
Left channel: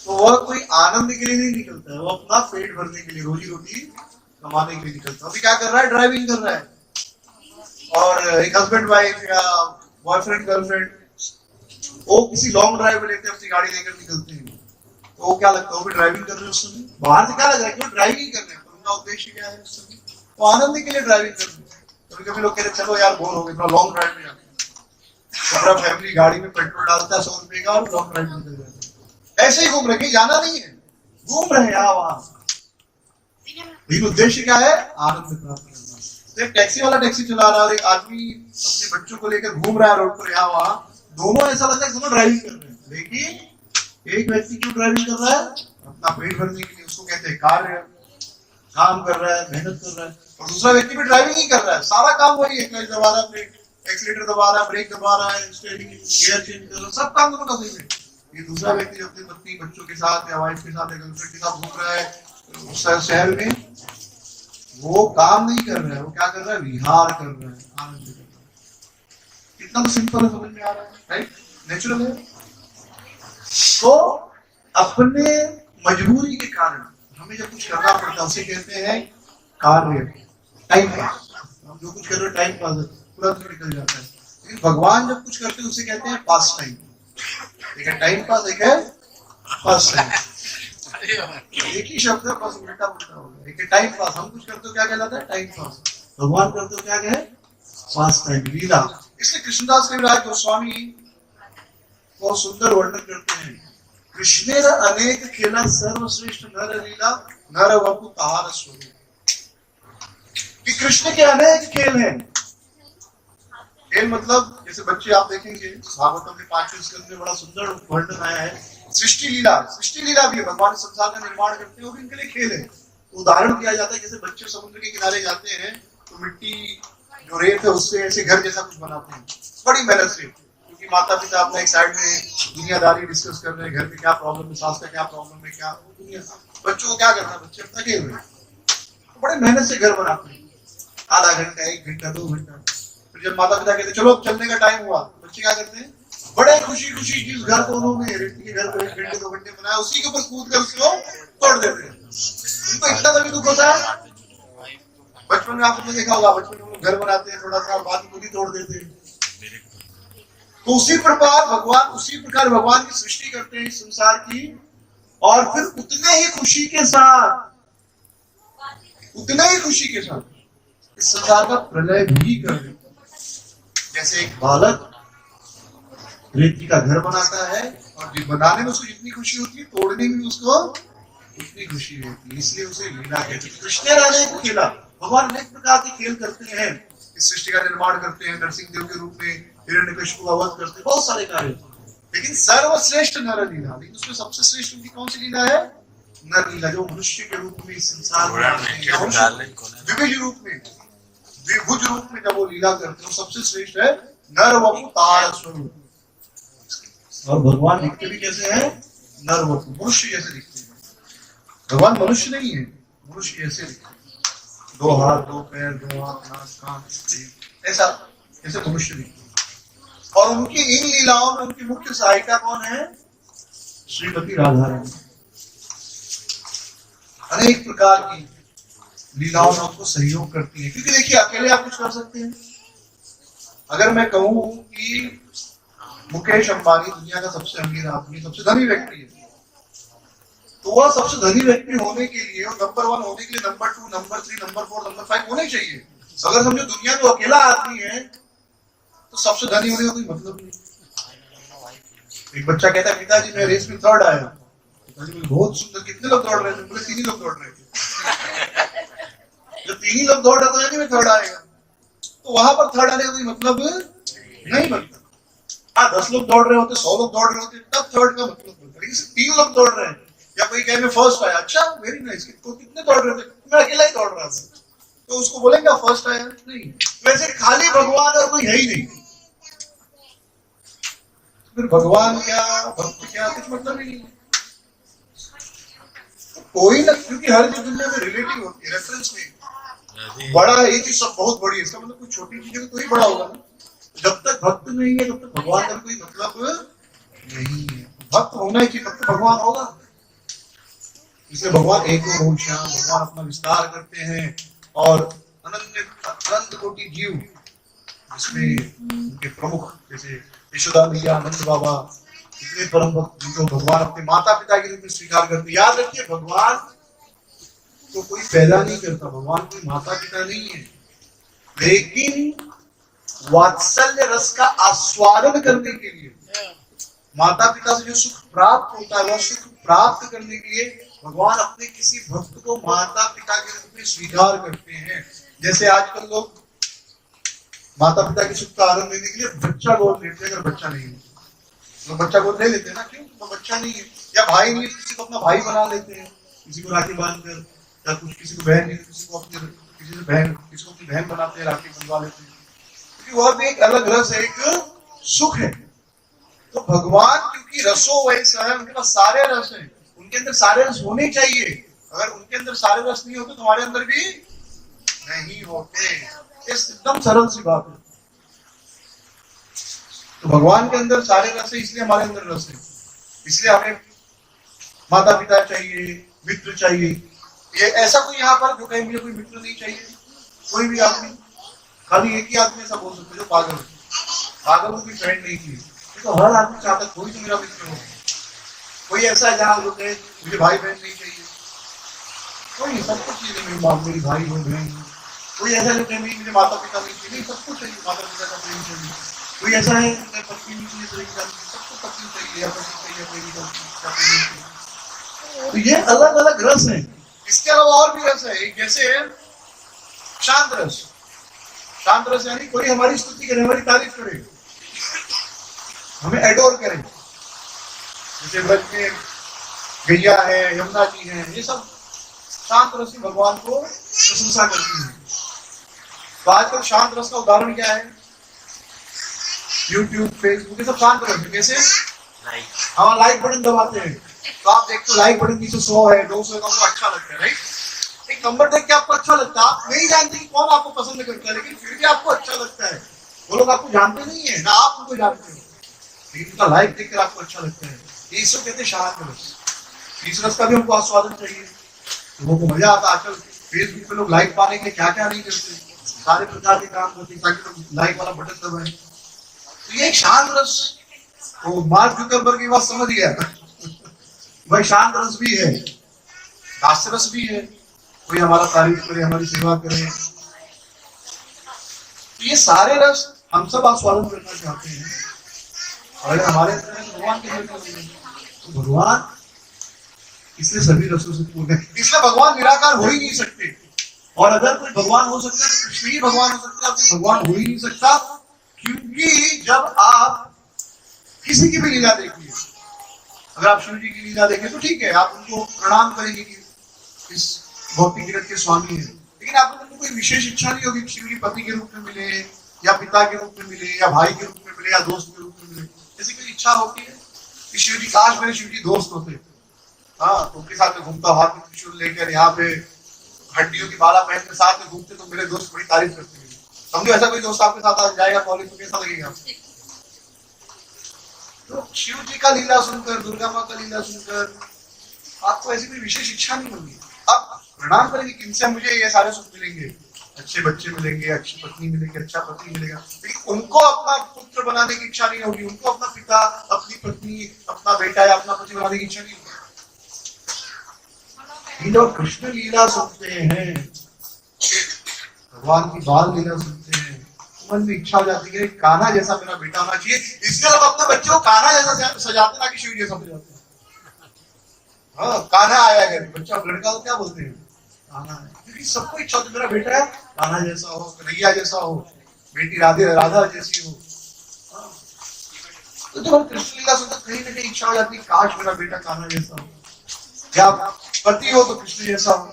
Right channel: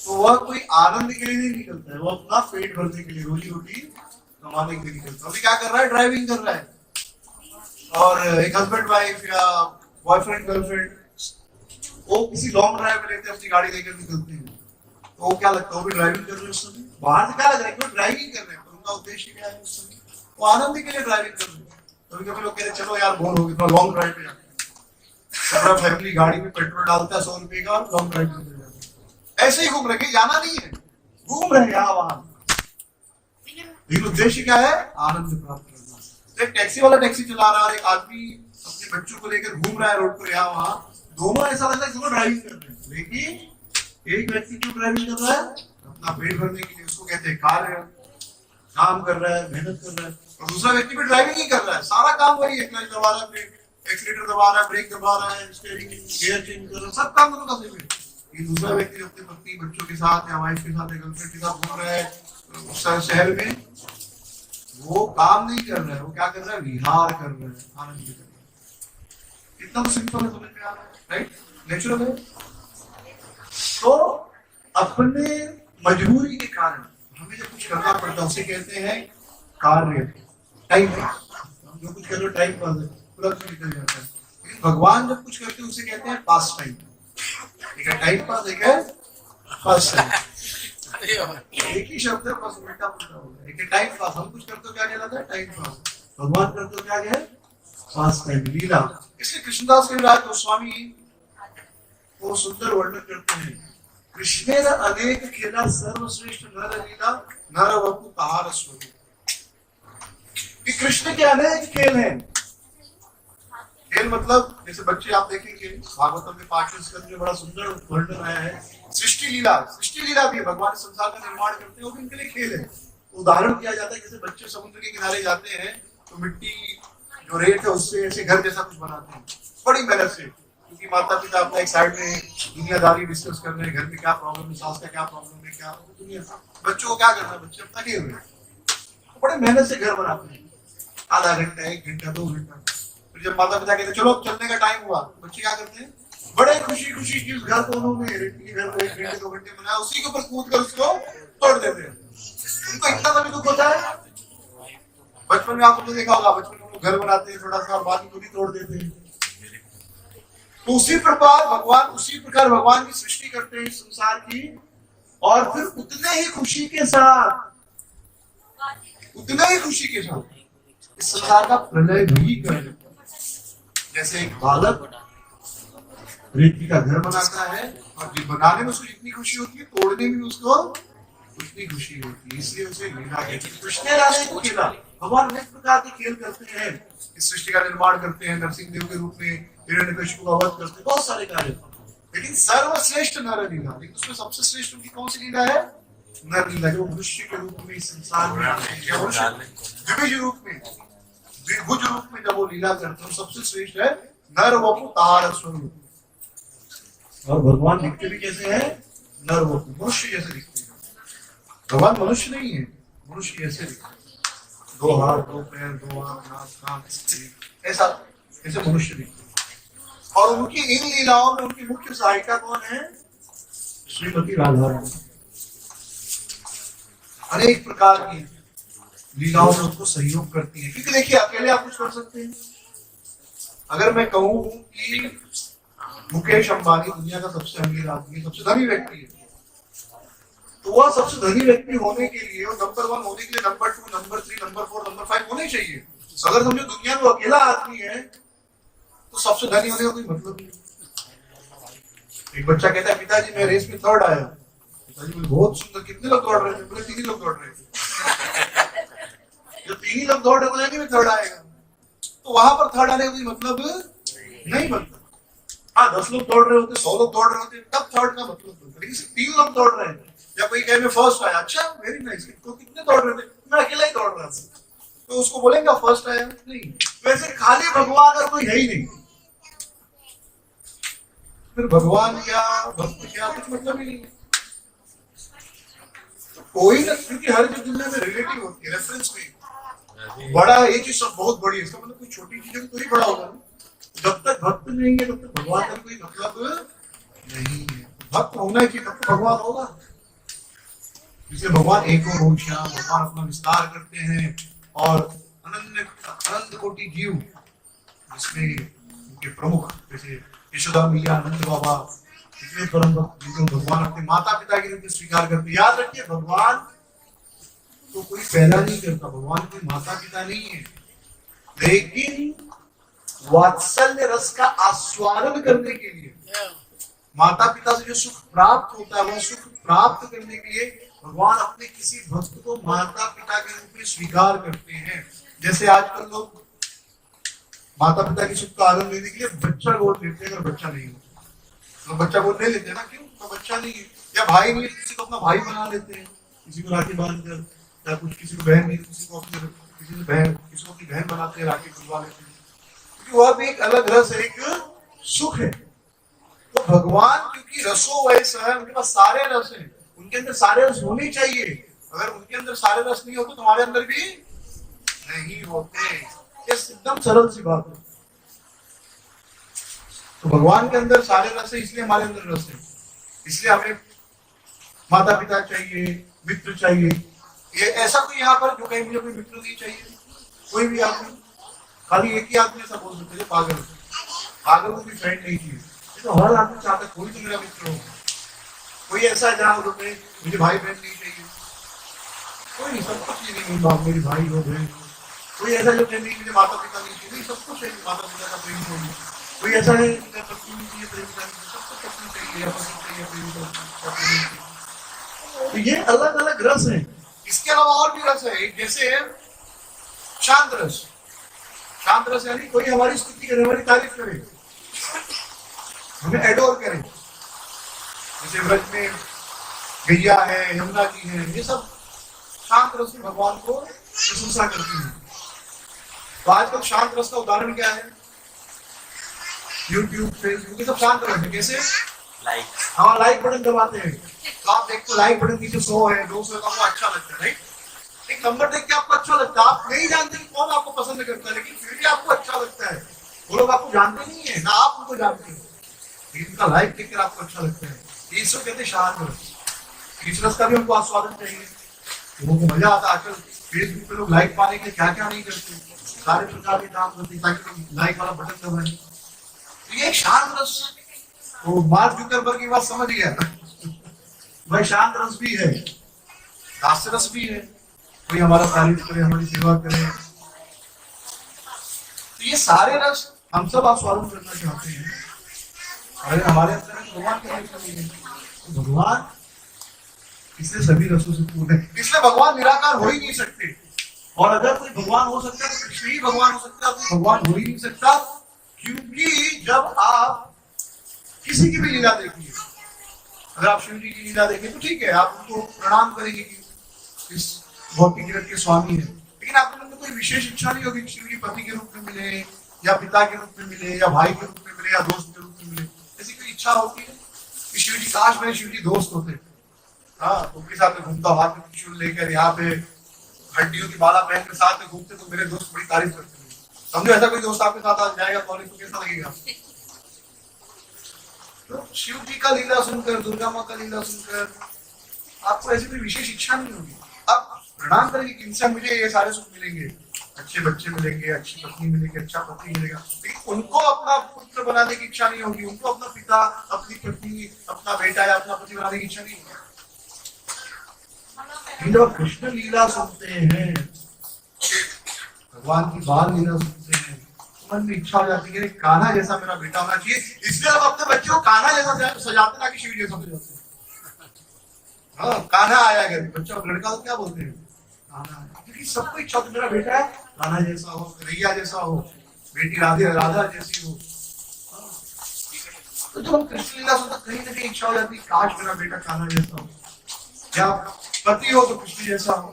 तो वह कोई आनंद के लिए नहीं निकलता है, वो अपना पेट भरने के लिए, रोजी रोटी कमाने के लिए निकलता है। अभी क्या कर रहा है, ड्राइविंग कर रहा है। और एक हस्बैंड वाइफ या बॉयफ्रेंड गर्लफ्रेंड, वो किसी लॉन्ग ड्राइव में लेते हैं, अपनी गाड़ी लेकर निकलते हैं, तो वो क्या लगता है, वो भी ड्राइविंग कर रहे हैं उस समय। बाहर से क्या लग रहा है कि वो ड्राइविंग कर रहे हैं, पर उनका उद्देश्य क्या है उस समय, वो आनंद के लिए ड्राइविंग कर रहे हैं। कभी कभी लोग कह रहे चलो यार बोर हो गए, थोड़ा लॉन्ग ड्राइव पे जाते हैं, पूरा फैमिली गाड़ी में पेट्रोल डालता है 100 रुपए का, और लॉन्ग ड्राइव निकल जाता है। ऐसे ही घूम रहे, जाना नहीं है, घूम रहे हैं यहाँ वहां। लेकिन उद्देश्य क्या है? आनंद प्राप्त करना। तो एक टैक्सी वाला टैक्सी चला रहा है और एक आदमी अपने बच्चों को लेकर घूम रहा है रोड पर यहाँ वहां, दोनों ऐसा लगता है दोनों ड्राइविंग कर रहे हैं, लेकिन एक व्यक्ति क्यों ड्राइविंग कर रहा है? अपना पेट भरने के लिए, उसको कहते हैं कार्य, काम कर रहा है, मेहनत कर रहा है। और दूसरा व्यक्ति भी ड्राइविंग ही कर रहा है, सारा काम वही है, क्लच दबा रहा है, एक्सीलेटर दबा रहा है, ब्रेक दबा रहा है, स्टीयरिंग गियर चेंज कर रहा है, सब काम दोनों का सेम है। ये दूसरा व्यक्ति जो अपनी पत्नी बच्चों के साथ या वाइफ के साथ या गर्लफ्रेंड के साथ घूम रहा है शहर में, वो काम नहीं कर रहा है, वो क्या कर रहा है? विहार कर रहा है, आनंद कर रहा है। इतना तो सिंपल है, समझ में आ रहा है, राइट? नेचुरल है। तो अपने मजबूरी के कारण हमें जब कुछ करना पड़ता है उसे कहते हैं कार्य, टाइम पास। हम जो कुछ कर रहे हैं टाइम पास है, तुरंत निकल जाता है। लेकिन भगवान जब कुछ करते हैं उसे कहते हैं पास टाइम। एक है टाइम पास, एक है पास टाइम। एक ही शब्द है, बस उल्टा पुल्टा हो गया। एक है टाइम पास, हम कुछ करते हो क्या कहलाता है? Time pass. भगवान करते हो क्या है? पास टाइम, लीला। इसलिए कृष्णदास कविराज गोस्वामी बहुत सुंदर वर्णन करते हैं, कृष्णेर अनेक खेला सर्वश्रेष्ठ नर लीला नर वपु तार स्वरूप। कि कृष्ण के अनेक खेल हैं। खेल मतलब जैसे बच्चे आप देखेंगे भागवतम में 5वें स्कंद में बड़ा सुंदर वर्णन आया है, सृष्टि लीला। सृष्टि लीला भी है, भगवान संसार का निर्माण करते हैं, वो भी इनके लिए खेल है। उदाहरण दिया जाता है, जैसे बच्चे समुद्र के किनारे जाते हैं तो मिट्टी जो रेत है उससे ऐसे घर जैसा कुछ बनाते हैं, बड़ी मेहनत से, क्योंकि माता पिता अपना एक साइड में दुनियादारी डिस्कस कर रहे हैं, घर में क्या प्रॉब्लम है, सास का क्या प्रॉब्लम है, क्या दुनिया। बच्चों को क्या करना है? बच्चे अपना खेल रहे हैं, तो बड़े मेहनत से घर बनाते हैं, आधा घंटा, 1 घंटा, 2 घंटा। फिर जब माता पिता कहते चलो चलने का टाइम हुआ, बच्चे क्या करते हैं? बड़े खुशी खुशी जिस घर को उन्होंने रेती के घर को 1 घंटे 2 घंटे बनाया, उसी के ऊपर कूद कर उसको तोड़ देते हैं। उनको इतना तभी दुख होता है। बचपन में आपने देखा होगा, बचपन में घर बनाते हैं थोड़ा सा और बाद में खुद ही तोड़ देते हैं। तो उसी प्रकार भगवान की सृष्टि करते हैं इस संसार की, और फिर उतने ही खुशी के साथ इस संसार का प्रलय भी कर देते हैं। जैसे एक बालक रेती का घर बनाता है और बनाने में उसको जितनी खुशी होती है, तोड़ने में उसको उतनी खुशी होती है, इसलिए उसे लीला कहते हैं। कृष्ण राधे को खेला, भगवान अनेक प्रकार के खेल करते हैं, इस सृष्टि का निर्माण करते हैं, नरसिंह देव के रूप में हिरण्यकशिपु का वध करते हैं, बहुत सारे कार्य। लेकिन सर्वश्रेष्ठ नर लीला, लेकिन उसमें सबसे श्रेष्ठ उनकी कौन सी लीला है? नर लीला, जो मनुष्य के रूप में इस संसार में आते हैं, द्विभुज रूप में जब वो लीला करते हैं, सबसे श्रेष्ठ है नर वपु तार स्वरूप। और भगवान दिखते भी कैसे हैं? नर वपु, मनुष्य जैसे दिखते हैं। भगवान मनुष्य नहीं है, मनुष्य जैसे दिखते हैं, 2 हाथ 2 पैर 2 आंख नाक कान, ऐसा ऐसे मनुष्य दिखते हैं। और उनकी इन लीलाओं में उनकी मुख्य सहायिका कौन है? श्रीमती राधा रानी। अनेक प्रकार की लीलाओं में उनको सहयोग करती है, क्योंकि देखिए अकेले आप कुछ कर सकते हैं। अगर मैं कहूं कि मुकेश अंबानी दुनिया का सबसे अमीर आदमी, सबसे धनी व्यक्ति है, तो वह सबसे धनी व्यक्ति होने के लिए और नंबर 1 होने के लिए नंबर 2, नंबर 3, नंबर 4, नंबर 5 होने चाहिए। अगर समझो दुनिया में अकेला आदमी है तो सबसे धनी होने का कोई मतलब नहीं। एक बच्चा कहता है पिताजी मैं रेस में 3rd आया। पिताजी बोले बहुत सुंदर, कितने लोग दौड़ रहे थे? बोले 3 ही लोग दौड़ रहे थे। जब 3 ही लोग दौड़ रहे तो यानी मैं 3rd आएगा, तो वहां पर 3rd आने का कोई मतलब नहीं बनता। हाँ 10 लोग दौड़ रहे होते, 100 लोग दौड़ रहे होते, तब 3rd का मतलब बनता। लेकिन सिर्फ 3 लोग दौड़ रहे हैं, या कोई कहे मैं 1st आया, अच्छा वेरी नाइस, कितने दौड़ रहे थे? मैं अकेला ही दौड़ रहा था, तो उसको बोलेंगे 1st आया? नहीं। वैसे खाली भगवान और कोई है ही नहीं, फिर भगवान क्या भक्त क्या कुछ मतलब ही नहीं है। तो कोई ना, क्योंकि हर चीज दुनिया में रिलेटिव होती है, रेफरेंस में। बड़ा ये चीज सब बहुत बड़ी है, इसका मतलब कोई छोटी चीज तो ही बड़ा होगा ना। जब तक भक्त नहीं है तब तक भगवान का कोई मतलब नहीं है। भक्त होना ही चाहिए तब तक भगवान होगा। इसलिए भगवान एक और श्याम, भगवान अपना विस्तार करते हैं और अनंत कोटि जीव, जिसमें उनके प्रमुख जैसे यशोदा मैया, नंद बाबा, इतने परम भक्त जिनको भगवान अपने माता पिता के रूप में स्वीकार करते। याद रखिए भगवान को कोई पैदा नहीं करता, भगवान कोई माता पिता नहीं है, लेकिन वात्सल्य रस का आस्वादन करने के लिए, माता पिता से जो सुख प्राप्त होता है वह सुख प्राप्त करने के लिए भगवान अपने किसी भक्त को माता पिता के रूप में स्वीकार करते हैं। जैसे आजकल लोग माता पिता की सुख का आनंद लेने के लिए बच्चा गोद लेते हैं, अगर बच्चा नहीं है तो बच्चा गोद ले लेते हैं ना, क्यों? तो बच्चा नहीं है या भाई नहीं है, किसी को अपना भाई बना लेते हैं, किसी को राखी बांधकर, या कुछ किसी को बहन नहीं, किसी को अपनी किसी से बहन, किसी को अपनी बहन बनाते हैं, राखी बंधवा लेते हैं, क्योंकि वह भी एक अलग रस है, एक सुख है। तो भगवान क्योंकि रसो वैसा है, उनके पास सारे रस हैं, उनके अंदर सारे रस होने चाहिए। अगर उनके अंदर सारे रस नहीं होते, तुम्हारे अंदर भी नहीं होते। ये एकदम सरल सी बात है। तो भगवान के अंदर सारे रस है, इसलिए हमारे अंदर रस है। इसलिए हमें माता पिता चाहिए, मित्र चाहिए। ये ऐसा कोई यहाँ पर जो कहीं मुझे कोई मित्र नहीं चाहिए, कोई भी आदमी, खाली एक ही आदमी ऐसा बोल सकते जो पागल है, पागल को भी फ्रेंड नहीं चाहिए। तो हर आदमी चाहता है कोई तो मेरा मित्र हो। कोई ऐसा है जहाँ जो कहे मुझे भाई बहन नहीं चाहिए, कोई, सब कुछ चाहिए, मेरी बाप मेरी भाई हो बहन। कोई ऐसा जो कहे नहीं मुझे माता पिता नहीं चाहिए, नहीं, सब कुछ चाहिए, माता पिता का प्रेम चाहिए। कोई ऐसा है पत्नी नहीं चाहिए, प्रेमिका नहीं चाहिए, सबको पत्नी चाहिए, पति चाहिए, प्रेमिका चाहिए। तो ये अलग अलग रस है। इसके अलावा और भी रस है, जैसे शांत रस। शांत रस यानी कोई हमारी स्तुति करे, हमारी तारीफ करे, हमें एडोर करे। जैसे व्रज में गैया है, यमुना जी है, ये सब शांत रस में भगवान को प्रशंसा करती है। तो आजकल शांत रस का उदाहरण क्या है? यूट्यूब, फेसबुक, ये सब शांत रस है। कैसे? लाइक, हाँ, लाइक बटन दबाते हैं तो आप देखते हो लाइक बटन नीचे 100 है, 200 है, तो आपको अच्छा लगता है, राइट? एक नंबर देख के आपको अच्छा लगता है। आप नहीं जानते कि कौन आपको पसंद करता है, लेकिन फिर भी आपको अच्छा लगता है। वो लोग आपको जानते नहीं है ना, आप उनको जानते हो, लेकिन उनका लाइक देखकर आपको अच्छा लगता है। इसको कहते हैं शांत रस। इस रस का भी हमको आस्वादन चाहिए, लोगों को मजा आता है। आजकल फेसबुक पे लोग लाइक पाने के लिए क्या क्या नहीं करते, सारे प्रकार के काम करते हैं ताकि लोग लाइक वाला बटन दबाएं। तो ये एक शांत रस, तो मार्क जुकरबर्ग की बात समझ गया भाई, शांत रस भी है, दास्य रस भी है, कोई हमारा तारीफ करे, हमारी सेवा करे। तो ये सारे रस हम सब आस्वादन करना चाहते हैं। अगर हमारे अंदर है तो भगवान के अंदर नहीं, तो भगवान इसलिए सभी रसों से पूर्ण है। इसलिए भगवान निराकार हो ही नहीं सकते। और अगर कोई भगवान हो सकता है तो कृष्ण ही भगवान हो सकता है, कोई भगवान हो ही नहीं सकता। क्योंकि जब आप किसी की भी लीला देखिए, अगर आप शिव जी की लीला देखें तो ठीक है, आप उनको प्रणाम करेंगे कि इस भौतिक जगत के स्वामी है, लेकिन आपको उनको कोई विशेष इच्छा नहीं होगी कि शिव जी पति के रूप में मिले, या पिता के रूप में मिले, या भाई के रूप में मिले, या दोस्त के रूप में मिले। ऐसी कोई इच्छा होती है कि शिव जी, काश मेरे शिव जी दोस्त होते, हाँ, तो उनके साथ में घूमता, हाथ में त्रिशूल लेकर, यहाँ पे हड्डियों की माला पहनकर साथ में घूमते, तो मेरे दोस्त बड़ी तारीफ करते हैं। समझो ऐसा कोई दोस्त आपके साथ आ जाएगा कॉलेज, तो कैसा लगेगा? तो शिव जी का लीला सुनकर, दुर्गा माँ का लीला सुनकर आपको ऐसी कोई विशेष इच्छा नहीं होगी। आप प्रणाम करेंगे कि इनसे मुझे ये सारे सुख मिलेंगे, अच्छे बच्चे मिलेंगे, अच्छी पत्नी मिलेगी, अच्छा पति मिलेगा, लेकिन उनको अपना पुत्र बनाने की इच्छा नहीं होगी, उनको अपना पिता, अपनी पत्नी, अपना बेटा या अपना पति बनाने की इच्छा नहीं होगी। लोग कृष्ण लीला सुनते हैं, भगवान की बाल लीला सुनते हैं, मन में इच्छा हो जाती है कि कान्हा जैसा मेरा बेटा होना चाहिए। इसलिए लोग अपने बच्चे को कान्हा जैसा सजाते, ना कि शिव जैसा सजाते हैं। हाँ, कान्हा आया घर, बच्चा लड़का तो क्या बोलते हैं? कान्हा है। क्योंकि सबको इच्छा होती है मेरा बेटा है कान्हा जैसा हो, कन्हैया जैसा हो, बेटी राधा जैसी हो। तो जब हम कृष्ण लीला सुनते कहीं ना कहीं इच्छा हो जाती है काश मेरा बेटा कान्हा जैसा हो, या पति हो तो कृष्ण जैसा हो,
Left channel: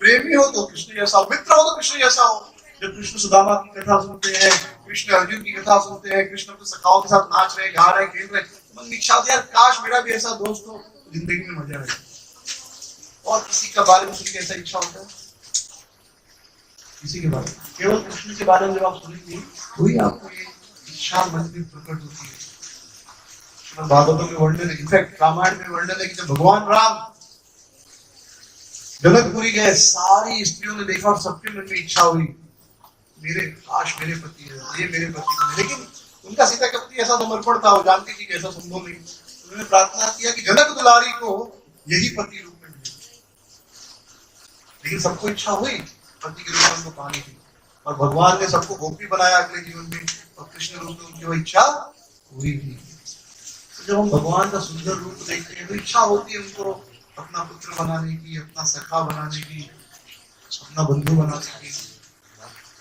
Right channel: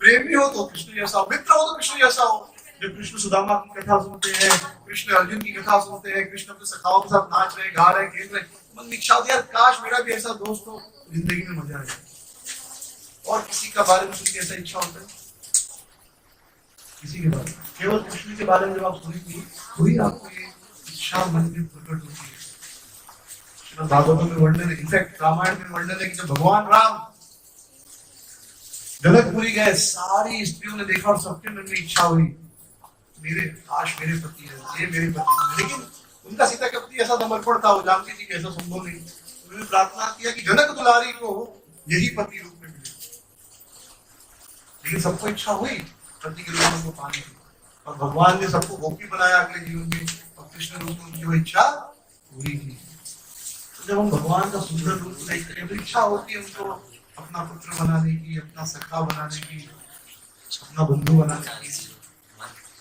प्रेमी हो तो कृष्ण जैसा हो, मित्र हो तो कृष्ण जैसा हो। जब कृष्ण सुदामा की कथा सुनते हैं, कृष्ण अर्जुन की कथा सुनते हैं, कृष्ण अपने सखाओं के साथ नाच रहे, गा रहे, खेल रहे, मन में इच्छा होती है यार काश मेरा भी ऐसा दोस्त हो, जिंदगी में मजा आए। और किसी का बारे में सुन के ऐसा इच्छा होता है? किसी के बारे में, केवल कृष्ण के बारे में जब आप सुनेंगे वही आपको ये इच्छा मन में प्रकट होती है। श्रीमद् भागवतम में वर्णन है, इनफैक्ट रामायण में वर्णन है कि जब भगवान राम जनकपुरी गए, सारी स्त्रियों ने देखा और सबके मन में इच्छा हुई मेरे काश मेरे पति है, ये मेरे पति है। लेकिन उनका सीता के प्रति ऐसा समर्पण था, वो जानती थी कि ऐसा संभव नहीं। उन्होंने प्रार्थना किया कि जनक दुलारी को यही पति रूप में मिले। लेकिन सबको इच्छा हुई पति के रूप में उनको पाने की, और भगवान ने सबको गोपी बनाया अगले जीवन में, और कृष्ण रूप में उनकी वो इच्छा पूरी की। तो जब हम भगवान का सुंदर रूप देखते हैं तो इच्छा होती है उनको अपना पुत्र बनाने की, अपना सखा बनाने की, अपना बंधु बनाने की,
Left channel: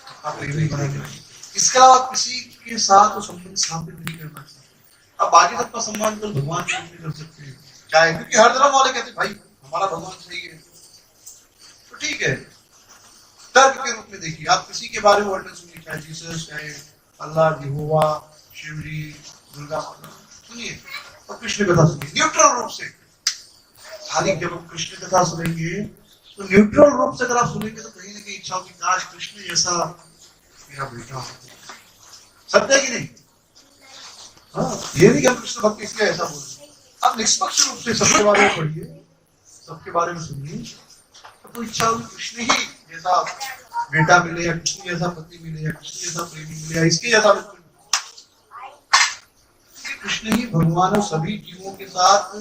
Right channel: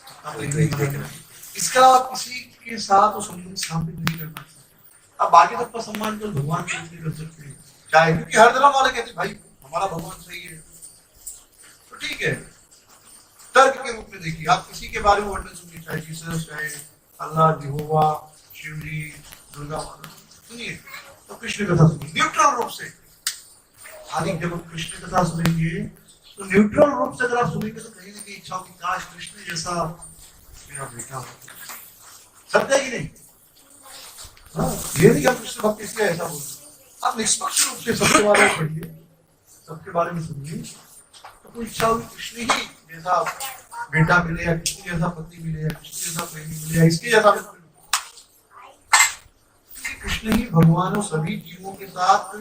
अपना प्रेमी बनाने की। इसके अलावा किसी के साथ वो संबंध स्थापित नहीं कर पाता। अब बाकी सबका सम्मान तो भगवान के रूप में कर सकते हैं, चाहे, क्योंकि हर धर्म वाले कहते हैं भाई हमारा भगवान सही है, तो ठीक है। तर्क के रूप में देखिए, आप किसी के बारे में वर्णन सुनिए, चाहे जीसस, चाहे अल्लाह, यहोवा, शिव जी, दुर्गा माता, सुनिए, और कृष्ण कथा सुनिए न्यूट्रल रूप से। खाली जब हम कृष्ण कथा सुनेंगे तो न्यूट्रल रूप से अगर आप सुनेंगे तो कहीं ना कहीं इच्छा होगी काश कृष्ण जैसा मेरा बेटा हो। सत्य है कि नहीं? हाँ, ये नहीं कि हम कृष्ण भक्त इसलिए ऐसा बोल रहे, आप निष्पक्ष रूप से सबके बारे में पढ़िए, सबके बारे में सुनिए, तो इच्छा होगी कृष्ण ही जैसा बेटा मिले, या कृष्ण जैसा पति मिले, या कृष्ण जैसा प्रेमी मिले, या इसके जैसा मिले। कृष्ण ही भगवान और सभी जीवों के साथ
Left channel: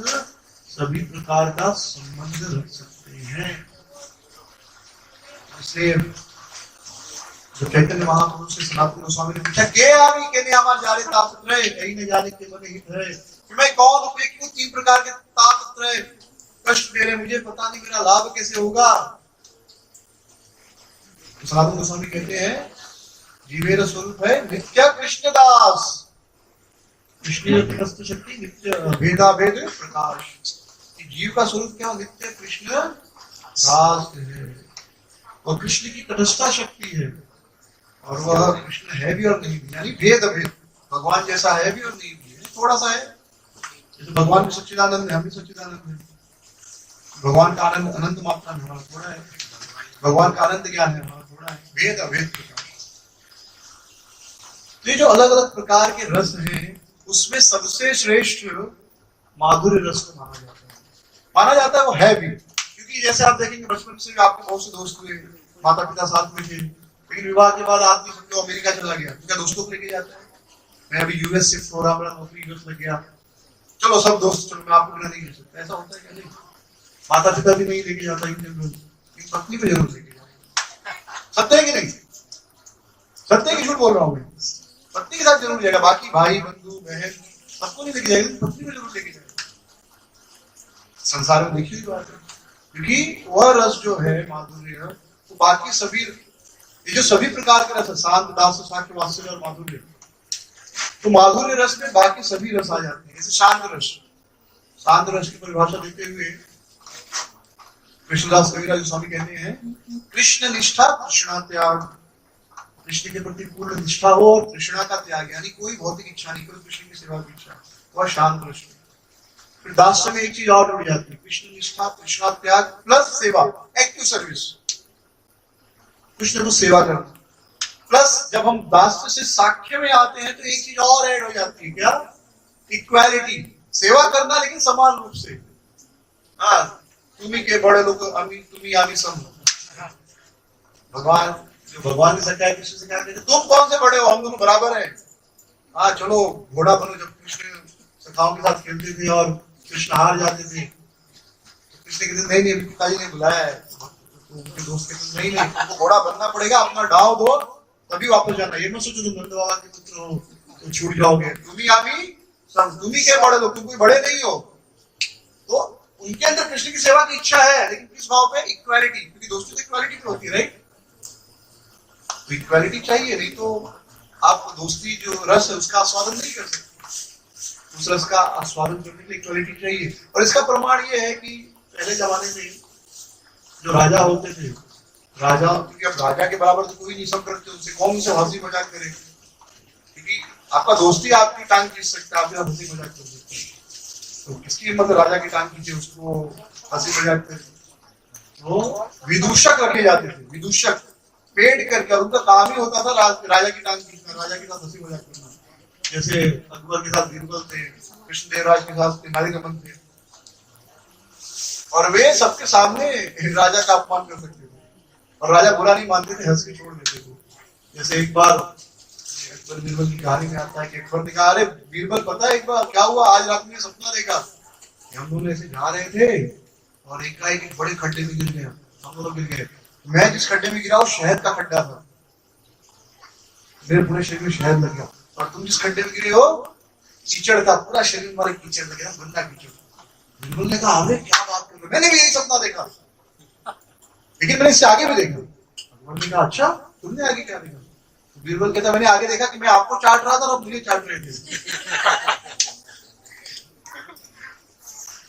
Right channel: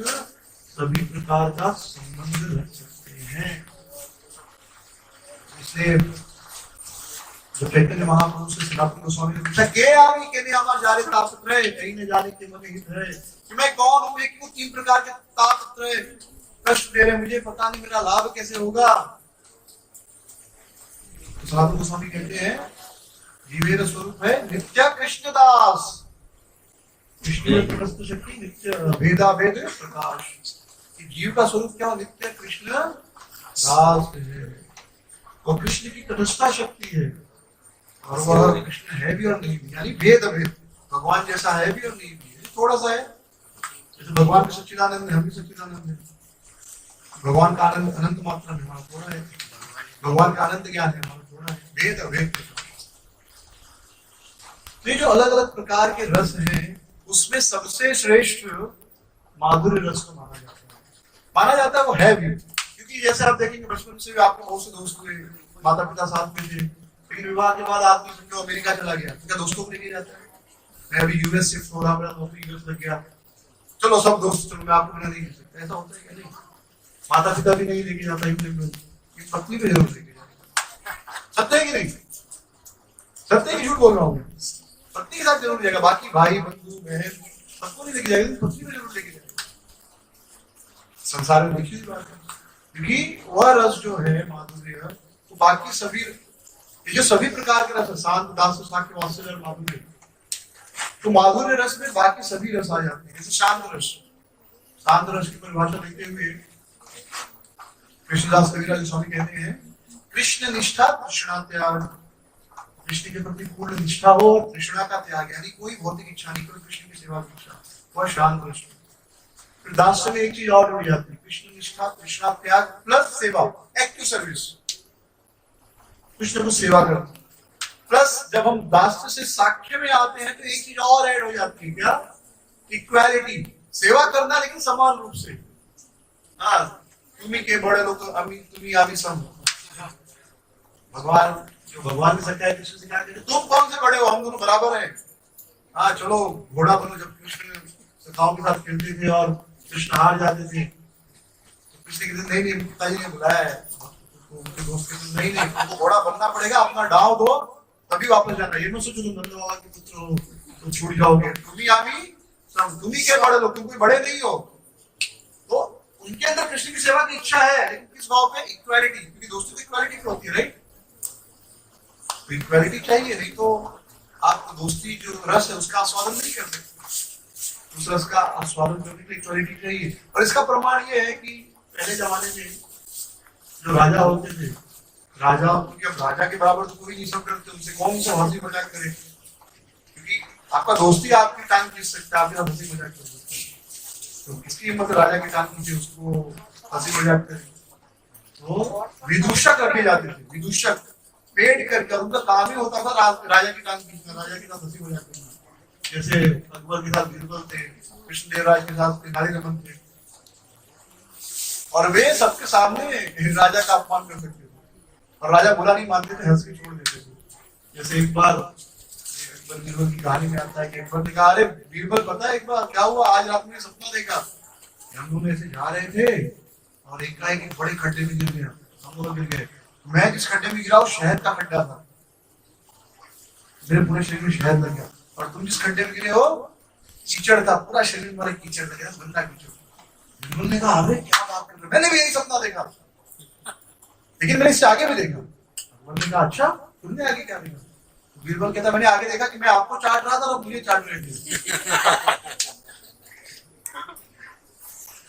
सभी प्रकार का संबंध रख सकते हैं। इसलिए जो चैतन्य महाप्रभु से सनातन गोस्वामी ने पूछा, के आमी केने हमार जाने ताकत रहे, कहीं न जाने के मन हित है, कि मैं कौन हूं, मैं क्यों तीन प्रकार के ताकत रहे कष्ट दे रहे, मुझे पता नहीं मेरा लाभ कैसे होगा। तो सनातन गोस्वामी कहते हैं जीवेर स्वरूप है नित्य कृष्णदास, कृष्ण शक्ति नित्य भेदा भेद प्रकाश। जीव का स्वरूप क्या हो? नित्य कृष्ण दास है, और कृष्ण की तटस्था शक्ति है, और वह कृष्ण है भी और नहीं भी, यानी भेद भेद, भगवान जैसा है भी और नहीं भी है, थोड़ा सा है। जैसे भगवान भी सच्चिदानंद है, हम भी सच्चिदानंद है, भगवान का आनंद अनंत मात्रा में, हमारा थोड़ा है, भगवान का आनंद ज्ञान है, हमारा थोड़ा है, भेद अभेद प्रकाश। तो ये जो अलग अलग प्रकार के रस हैं, उसमें सबसे श्रेष्ठ माधुर्य रस को माना जाता है। माना जाता है वो है भी, क्योंकि जैसे आप देखेंगे बचपन से आपके बहुत से दोस्त हुए, माता पिता साथ में थे, लेकिन विवाह के बाद आदमी समझो अमेरिका चला गया, क्या दोस्तों को लेके जाता है? मैं अभी यूएस शिफ्ट हो रहा हूँ, मेरा नौकरी यूएस लग गया, चलो सब दोस्त, चलो मैं आपको मना नहीं कर सकता, ऐसा होता है क्या? नहीं, माता पिता भी नहीं लेके जाता, पत्नी पे जरूर लेके जाता। सत्य है कि नहीं? सत्य है कि झूठ बोल रहा हूँ मैं? पत्नी के साथ जरूर जाएगा, बाकी भाई बंधु बहन सबको नहीं लेके जाएगा, पत्नी में जरूर लेके जाएगा। संसार में देखी हुई बात है, क्योंकि वह रस जो है माधुर्य, वो बाकी सभी, ये जो सभी प्रकार के रस है, शांत, दास, साक्ष्य, वात्सल्य और माधुर्य, तो माधुर्य रस में बाकी सभी रस आ जाते हैं। जैसे शांत रस, शांत रस की परिभाषा देते हुए कृष्णदास कविराज स्वामी कहते हैं, कृष्ण निष्ठा तृष्णा त्याग, कृष्ण के प्रति पूर्ण निष्ठा हो और तृष्णा का त्याग, यानी कोई भौतिक इच्छा नहीं, केवल कृष्ण की सेवा की इच्छा, वह शांत रस। फिर दास्य में एक चीज और जुड़ जाती है, कृष्ण निष्ठा तृष्णा त्याग प्लस सेवा, एक्टिव सर्विस, कृष्ण को सेवा करना, प्लस जब हम दास्य से साक्ष्य में आते हैं तो एक चीज और ऐड हो जाती है, क्या? इक्वालिटी, सेवा करना लेकिन समान रूप से। हाँ, तुम्ही के बड़े लोग तुम्ही आमी सम, भगवान जो भगवान ने सच्चाई कृष्ण से क्या कहते, तुम कौन से बड़े हो, हम दोनों बराबर हैं। हाँ चलो घोड़ा बनो। जब कृष्ण सखाओं के साथ खेलते थे और कृष्ण हार जाते थे तो कृष्ण कहते नहीं नहीं, पिताजी ने बुलाया है, तो उनके दोस्त कहते नहीं नहीं, तुमको घोड़ा बनना पड़ेगा, अपना डाव दो तभी वापस जाना, ये मत सोचो तुम नंद बाबा के पुत्र हो तो छूट जाओगे, तुम ही आमी सब, तुम ही के बड़े लोग, तुम कोई बड़े नहीं हो। तो उनके अंदर कृष्ण की सेवा की इच्छा है, लेकिन किस भाव पे? इक्वालिटी, क्योंकि दोस्तों की इक्वालिटी पे होती है, राइट? तो इक्वालिटी चाहिए, नहीं तो आप दोस्ती जो रस है उसका आस्वादन नहीं कर सकते। उस रस का आस्वादन करने के लिए इक्वालिटी चाहिए। और इसका प्रमाण ये है कि पहले जमाने में जो राजा होते थे, राजा, क्योंकि अब राजा के बराबर तो कोई नहीं, सब करते, उनसे कौन से हंसी मजाक करे, क्योंकि आपका दोस्ती आपकी टांग खींच सकता है, आप हंसी मजाक कर सकते हैं, तो किसकी हिम्मत राजा की टांग खींचे, उसको हंसी मजाक करे। तो विदूषक रखे जाते थे, विदूषक पेड करके, और उनका काम ही होता था राजा की टांग खींचना, राजा के साथ हंसी मजाक करना। जैसे अकबर के साथ बीरबल थे, कृष्णदेवराज के साथ तेनालीरामन थे, और वे सबके सामने राजा का अपमान कर सकते थे, और राजा बुरा नहीं मानते थे, हंस के छोड़ देते थे। जैसे एक बार अकबर बीरबल की कहानी में आता है कि अकबर ने कहा, अरे बीरबल पता है एक बार क्या हुआ, आज रात में सपना देखा, हम दोनों ऐसे जा रहे थे और एक बड़े खड्डे में गिर गया, हम दोनों गिर गए, मैं जिस खड्डे में गिरा वो शहद का खड्डा था, मेरे पूरे शरीर में शहद लग गया, और तुम जिस खड्डे में गिरे हो कीचड़ का, पूरा शरीर हमारा कीचड़ लग गया, गंदा कीचड़। बीरबल ने कहा अरे क्या बात कर रहे हो, मैंने भी यही सपना देखा, लेकिन मैंने इससे आगे भी देखा। भगवान ने कहा अच्छा तुमने आगे क्या देखा? तो बीरबल कहता मैंने आगे देखा कि मैं आपको चाट रहा था और आप मुझे चाट रहे थे।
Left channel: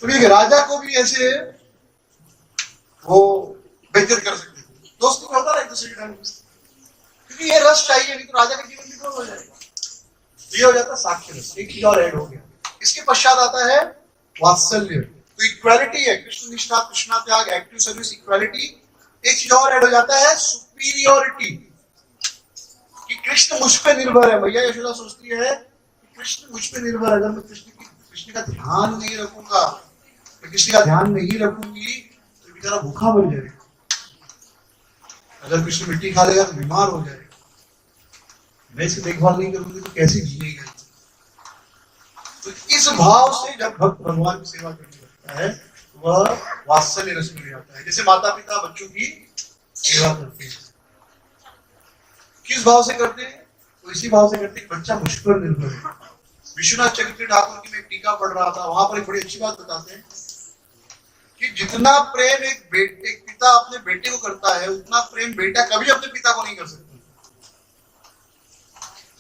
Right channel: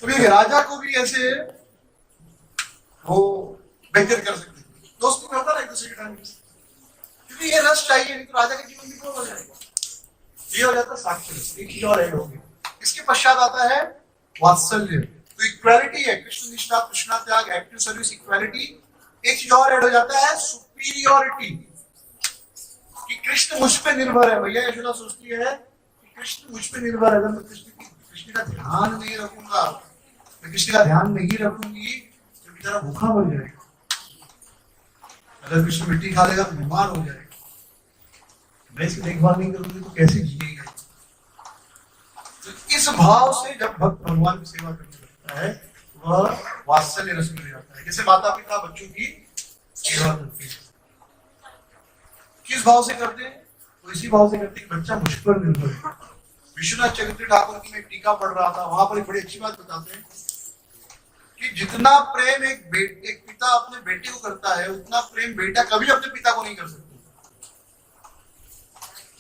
तो ये राजा को भी ऐसे वो बेइज्जत कर सकते थे, दोस्ती में होता ना एक दूसरे के टाइम, क्योंकि ये रस चाहिए, नहीं तो राजा का जीवन विफल हो जाएगा। ये हो जाता है साक्ष्य रस। एक चीज और ऐड हो गया, इसके पश्चात आता है वात्सल्य। तो इक्वालिटी है, कृष्ण निष्ठा, कृष्णा त्याग, एक्टिव सर्विस, इक्वालिटी। एक चीज और ऐड हो जाता है सुपीरियोरिटी, कि कृष्ण मुझ पे निर्भर है। भैया यशोदा सोचती है कि कृष्ण मुझ पे निर्भर है, अगर मैं कृष्ण का ध्यान नहीं रखूंगा, मैं कृष्ण का ध्यान नहीं रखूंगी तो बेचारा भूखा मर जाएगा, अगर कृष्ण मिट्टी खा लेगा तो बीमार हो जाएगा, मैं इसकी देखभाल नहीं करूंगी तो कैसे जिएगा। तो इस भाव से जब भक्त भगवान की सेवा करने लगता है वह वात्सल्य रस में जाता है। जैसे माता पिता बच्चों की सेवा करते हैं, किस भाव से करते हैं? तो इसी भाव से करते हैं बच्चा मुझ पर निर्भर है। विश्वनाथ चक्रवर्ती ठाकुर की मैं टीका पढ़ रहा था, वहां पर एक बड़ी अच्छी बात बताते हैं कि जितना प्रेम एक पिता अपने बेटे को करता है, उतना प्रेम बेटा कभी अपने पिता को नहीं कर सकता,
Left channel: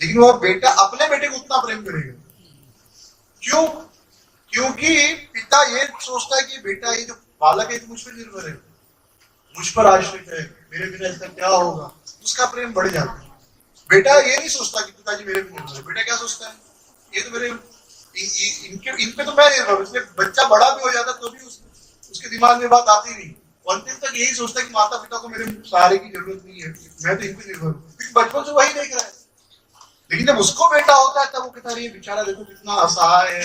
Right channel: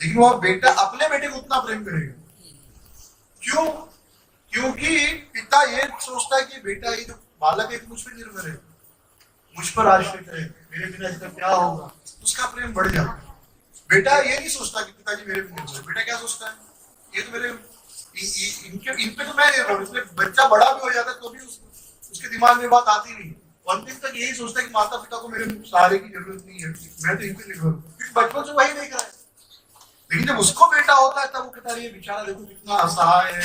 लेकिन वह बेटा अपने बेटे को उतना प्रेम करेगा। क्यों? क्योंकि पिता ये सोचता है कि बेटा ये जो बालक है मुझ पर निर्भर है, मुझ पर आश्रित है, मेरे बिना इसका क्या होगा, उसका प्रेम बढ़ जाता है। बेटा ये नहीं सोचता कि पिताजी मेरे पे निर्भर है, बेटा क्या सोचता है ये तो मेरे इन पे तो मैं निर्भर हूं। इसलिए बच्चा बड़ा भी हो जाता है तो भी उसके दिमाग में बात आती नहीं, अंतिम तक यही सोचता है कि माता पिता को मेरे सहारे की जरूरत नहीं है, मैं तो इन पे निर्भर हूँ, क्योंकि बचपन से वही देख रहा है। लेकिन जब उसको बेटा होता है तब वो कहता है ये बेचारा देखो कितना असहाय है,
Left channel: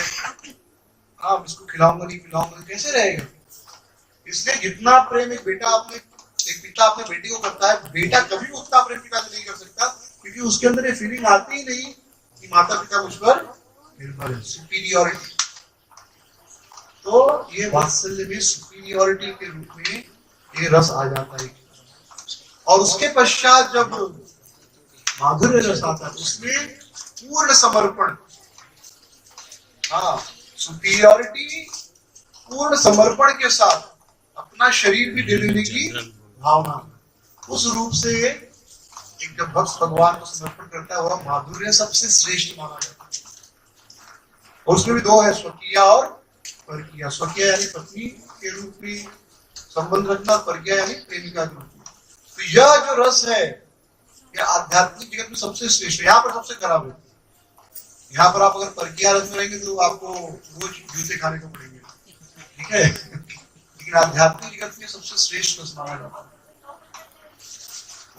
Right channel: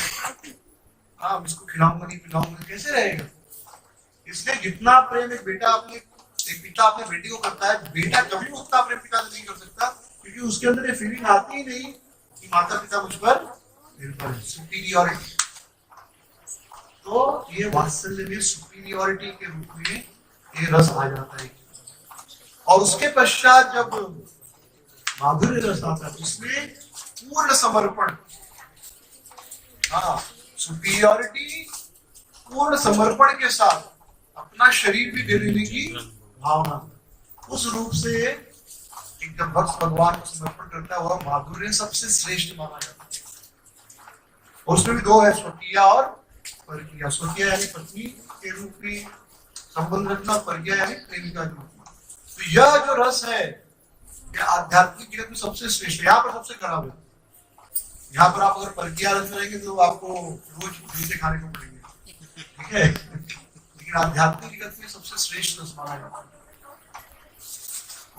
हाँ इसको खिलाऊंगा नहीं पिलाऊंगा कैसे रहेगा। इसलिए जितना प्रेम एक पिता अपने बेटे को करता है, बेटा कभी उतना प्रेम पिता से नहीं कर सकता, क्योंकि उसके अंदर ये फीलिंग आती ही नहीं कि माता पिता मुझ पर निर्भर है, सुपीरियोरिटी। तो ये वात्सल्य में सुपीरियोरिटी के रूप में ये रस आ जाता है। और उसके पश्चात जब माधुर्य रस आता है उसमें पूर्ण समर्पण, हाँ सुपीरियोरिटी, पूर्ण समर्पण के साथ अपना शरीर भी दे देने की भावना, उस रूप से एक जब भक्त भगवान को समर्पण करता है वह माधुर्य सबसे श्रेष्ठ माना जाता है। और उसमें भी दो है, स्वकीय और परकीय। स्वकीय यानी पत्नी के रूप में संबंध रखना, परकीय यानी प्रेमिका के रूप में। तो यह जो रस है यह आध्यात्मिक जगत में सबसे श्रेष्ठ है, यहाँ पर सबसे खराब है। यहाँ पर आप अगर परकीय रस में रहेंगे तो आपको रोज जूते खाने को पड़ेंगे, ठीक है, लेकिन आध्यात्मिक जगत में सबसे श्रेष्ठ रस माना जाता है।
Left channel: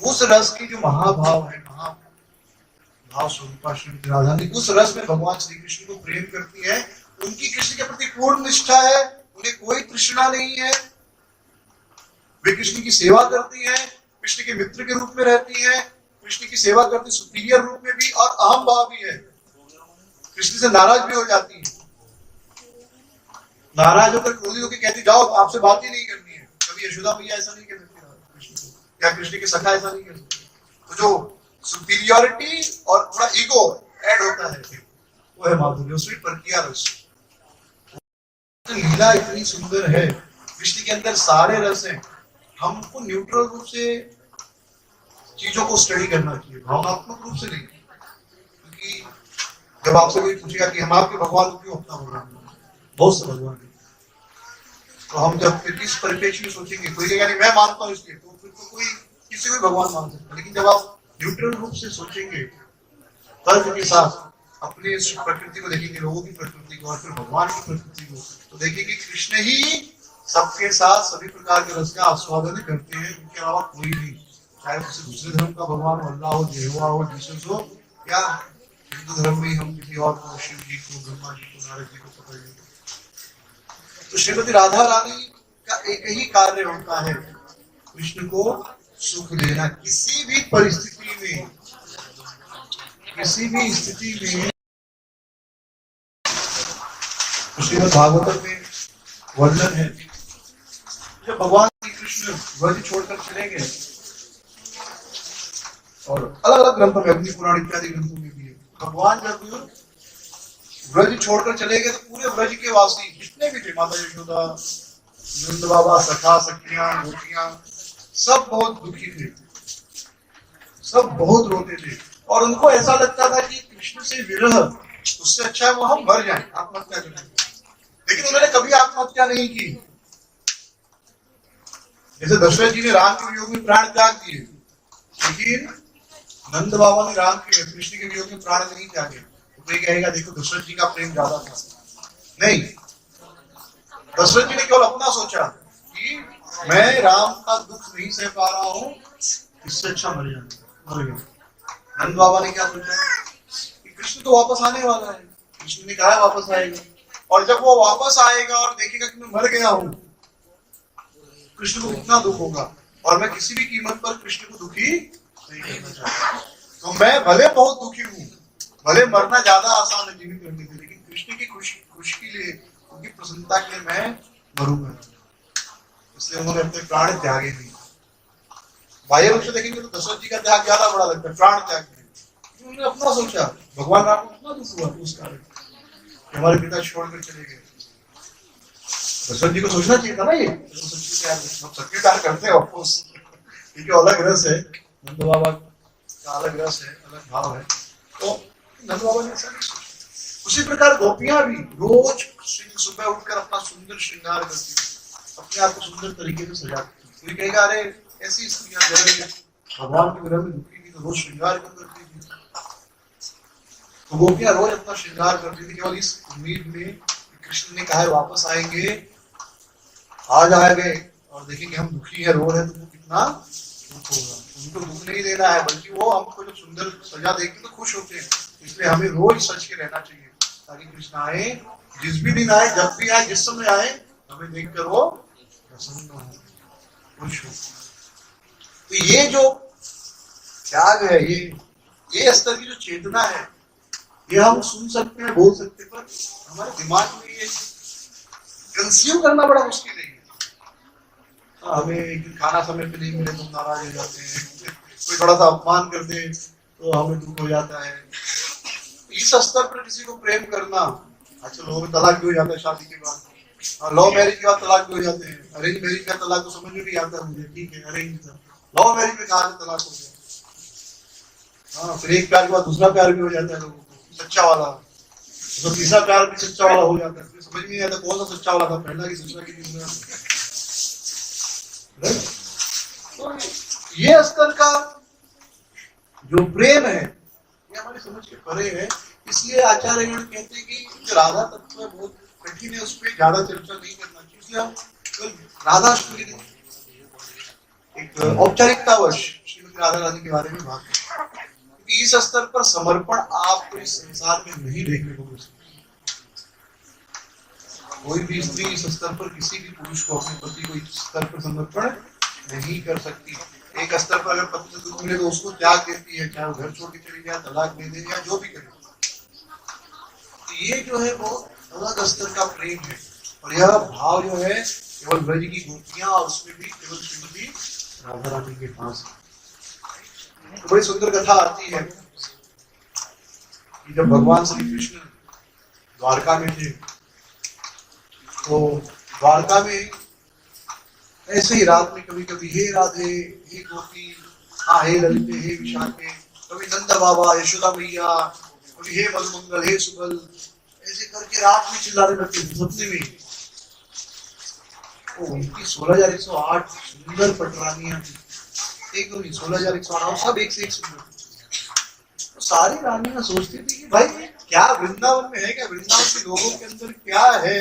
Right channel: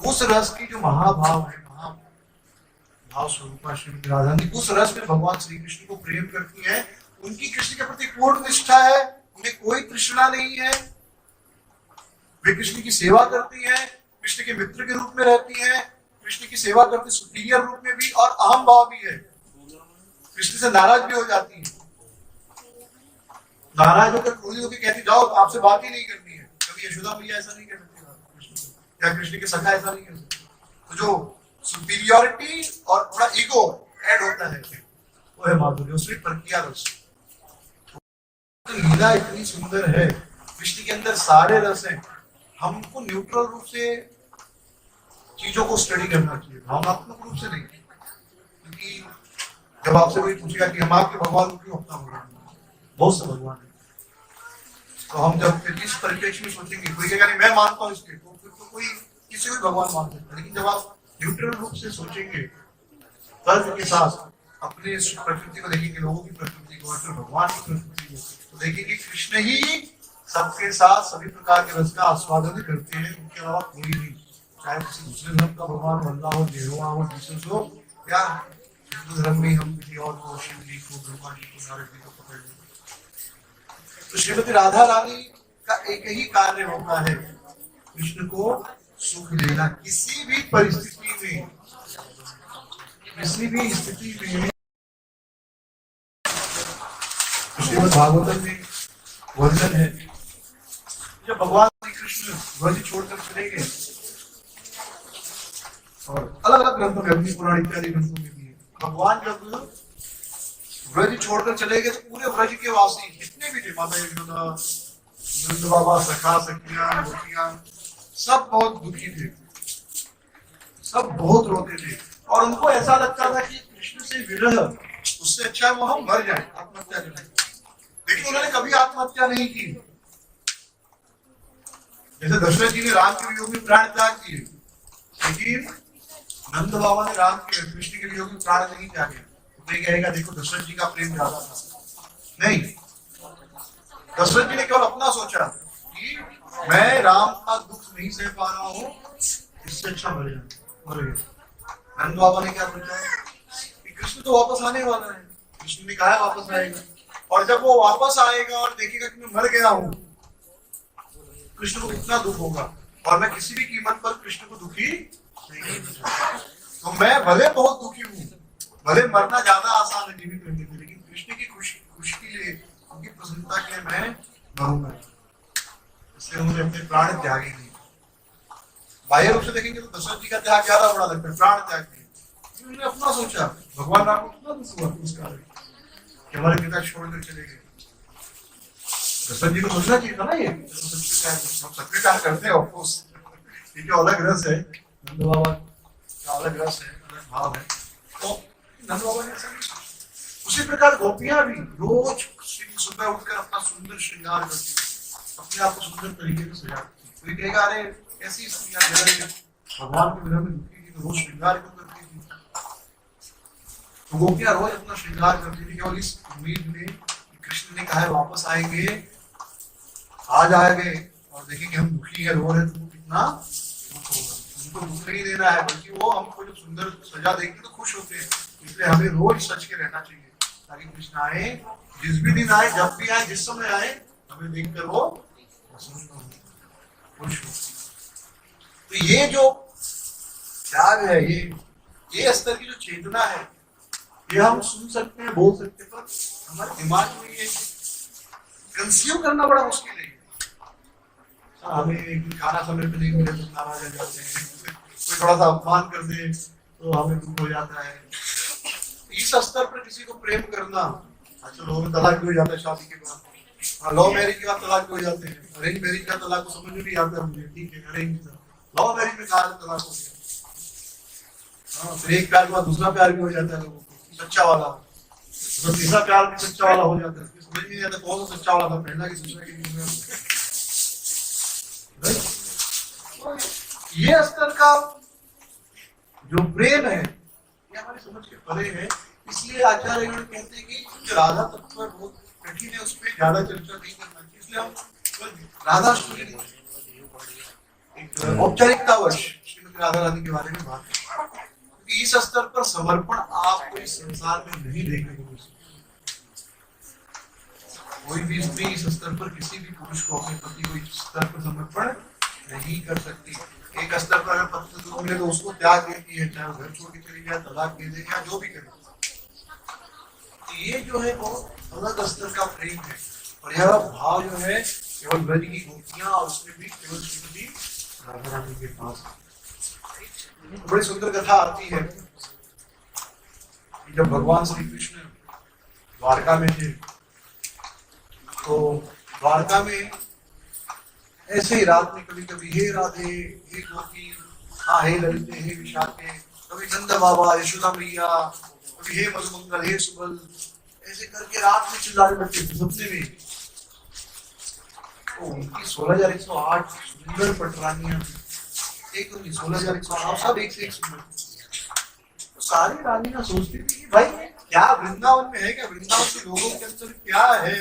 उस रस की जो महाभाव है, महाभाव स्वरूपा श्रीमती राधा रानी उस रस में भगवान श्री कृष्ण को प्रेम करती है, उनकी कृष्ण के प्रति पूर्ण निष्ठा है, उन्हें कोई तृष्णा नहीं है, वे कृष्ण की सेवा करती है, कृष्ण के मित्र के रूप में रहती है, कृष्ण की सेवा करती सुपीरियर रूप में भी, और अहम भाव भी है, कृष्ण से नाराज भी हो जाती है, नाराज होकर क्रोधित होकर कहती जाओ आपसे बात ही नहीं करनी है। कभी यशोदा मैया ऐसा नहीं कह सकती कृष्ण को, या कृष्ण के सखा ऐसा नहीं कह सकते। तो जो सुपीरियोरिटी और थोड़ा ईगो ऐड होता है वो है माधुर्य, उसमें परकीय रस। लीला इतनी सुंदर है, कृष्ण के अंदर सारे रस हैं, हमको न्यूट्रल रूप से चीजों को स्टडी करना चाहिए, भावनात्मक रूप से नहीं। क्योंकि जब आपसे कोई पूछेगा कि हम आपके भगवान को क्यों अपना भगवान, बहुत से भगवान है, तो हम जब इस परिप्रेक्ष्य में सोचेंगे, कोई कहेगा नहीं मैं मानता हूँ इसलिए, तो फिर तो कोई किसी को भगवान मान सकता है। लेकिन जब आप न्यूट्रल रूप से सोचेंगे, तर्क के साथ अपने प्रकृति को देखेंगे, लोगों की प्रकृति को और फिर भगवान की प्रकृति को, तो देखेंगे कृष्ण ही सबके साथ सभी प्रकार के रस का आस्वादन करते हैं, उनके अलावा कोई नहीं। चाहे किसी दूसरे धर्म का भगवान अल्लाह हो, यहोवा हो, जीसस हो, या हिंदू धर्म में हम किसी और को, शिव जी को, ब्रह्मा जी को, नारद जी को पकड़ लेते। तो श्रीमती राधा रानी का एक ही कार्य होता है, कृष्ण को सुख देना, किसी भी परिस्थिति में, किसी भी स्थिति में। श्रीमद् भागवतम में वर्णन है, जब भगवान श्री कृष्ण व्रज छोड़कर चले गए, और अलग अलग ग्रंथों में, अग्नि पुराण इत्यादि ग्रंथों में भी है, भगवान जब ब्रज छोड़कर चले गए तो पूरे ब्रज के वासी जितने भी थे, माता यशोदा, नंद बाबा, सखा सखियां, गोपियां, सब बहुत दुखी थे, सब बहुत रोते थे। और उनको ऐसा लगता था कि कृष्ण से विरह, उससे अच्छा है वो हम मर जाएं, आत्महत्या कर लें। लेकिन उन्होंने कभी आत्महत्या नहीं की। जैसे दशरथ जी ने राम के वियोग में प्राण त्याग दिए, लेकिन नंद बाबा ने राम के कृष्ण के वियोग में प्राण नहीं त्यागे। तो ये कहेगा देखो दशरथ जी का प्रेम ज्यादा था, नहीं। दशरथ जी ने केवल अपना सोचा कि मैं राम का दुख नहीं सह पा रहा हूं, इससे अच्छा मर गया। नंद बाबा ने क्या सोचा कि कृष्ण तो वापस आने वाला है, कृष्ण ने कहा है वापस आएगा, और जब वो वापस आएगा और देखेगा कि मैं मर गया हूं, कृष्ण को कितना दुख होगा, और मैं किसी भी कीमत पर कृष्ण को दुखी नहीं करना चाहता। तो मैं भले बहुत दुखी हूं, भले मरना ज्यादा आसान है जीवित रहने से, लेकिन कृष्ण की खुशी के लिए, उनकी प्रसन्नता के लिए मैं मरूंगा। इसलिए उन्होंने अपने प्राण त्यागे नहीं। बाह्य रूप से देखेंगे तो दशरथ जी का त्याग ज्यादा बड़ा लगता है, प्राण त्याग नहीं। उन्होंने अपना सोचा, भगवान राम को कितना दुख हुआ उस कारण कि हमारे पिता छोड़कर चले गए। दशरथ जी को सोचना चाहिए था ना, ये तो सच्चे प्यार करते हैं ऑफकोर्स, ये जो अलग रस है, नंद बाबा का अलग रस है, अलग भाव है। तो नंद बाबा ने ऐसा नहीं सोचा। उसी प्रकार गोपियां भी रोज सुबह उठकर अपना सुंदर श्रृंगार करती थी, अपने आप को सुंदर तरीके से सजाती थी। कोई कहेगा अरे ऐसी स्त्रियां जब भगवान के विरह में दुखी थी तो रोज श्रृंगार क्यों करती थी? तो गोपियां रोज अपना श्रृंगार करती थी केवल इस उम्मीद में कि कृष्ण ने कहा है वापस आएंगे, आज आ गए और देखें कि हम दुखी है, रो रहे हैं, तो वो कितना दुख होगा। उनको दुख नहीं देना है, बल्कि वो हमको जब सुंदर सजा देख तो खुश होते हैं। इसलिए हमें रोज सच के रहना चाहिए, ताकि कृष्ण आए, जिस भी दिन आए, जब भी आए, जिस समय आए, हमें देखकर वो प्रसन्न हो, खुश हो। तो ये जो त्याग है, ये स्तर की जो चेतना है, ये हम सुन सकते हैं, बोल सकते हैं, पर हमारे दिमाग में ये कंज्यूम करना बड़ा मुश्किल है। हमें एक दिन खाना समय पे नहीं मिले तो नाराज हो जाते हैं, कोई थोड़ा सा अपमान कर दे तो हमें दुख हो जाता है। इस स्तर पर किसी को प्रेम करना, अच्छा लोगों में तलाक भी हो जाता है शादी के बाद, और लव मैरिज के बाद तलाक भी हो जाते हैं। अरेंज मैरिज का तलाक तो समझ में नहीं आता मुझे, ठीक है अरेंज था, लव मैरिज में कहा तलाक हो गया। हाँ, फिर एक प्यार के बाद दूसरा प्यार भी हो जाता है लोगों को, सच्चा वाला, तो तीसरा प्यार भी सच्चा वाला हो जाता है। समझ नहीं आता कौन सा सच्चा वाला था, पहला की दूसरा की दूसरा। तो ये स्तर का जो प्रेम है, ये हमारी समझ के परे है। इसलिए आचार्यगण कहते हैं कि जो राधा तत्व है बहुत कठिन है, उस पर ज्यादा चर्चा नहीं करना चाहिए। इसलिए हम राधा एक औपचारिकतावश श्रीमती राधा रानी के बारे में बात करें, क्योंकि इस स्तर पर समर्पण आपको इस संसार में नहीं देखने को मिल सकता। कोई भी स्त्री इस स्तर पर किसी भी पुरुष को, अपने पति को इस स्तर पर समर्पण नहीं कर सकती। एक स्तर पर अगर पति से दुख मिले तो उसको त्याग देती है, चाहे वो घर छोड़ के चली जाए, तलाक दे दे या जो भी करे। ये जो है बहुत अलग स्तर का प्रेम है, और यह भाव जो है केवल ब्रज की गोपियां और उसमें भी केवल श्रीमती राधा रानी के पास है। तो बड़ी सुंदर कथा आती है कि जब भगवान श्री कृष्ण द्वारका में थे, तो द्वारका में ऐसे ही रात में कभी कभी हे राधे, हे गोपी, हाँ हे ललिते, हे विशाखे, कभी नंद बाबा, यशोदा मैया, कभी हे मधुमंगल, हे सुबल, ऐसे करके रात में चिल्लाने लगते थे सपने में। उनकी 16,108 सुंदर पटरानियां थी, एक तो नहीं 16,108, सब एक से एक सुंदर। तो सारी रानियां सोचती थी कि भाई क्या वृंदावन में है, क्या वृंदावन के लोगों के अंदर क्या है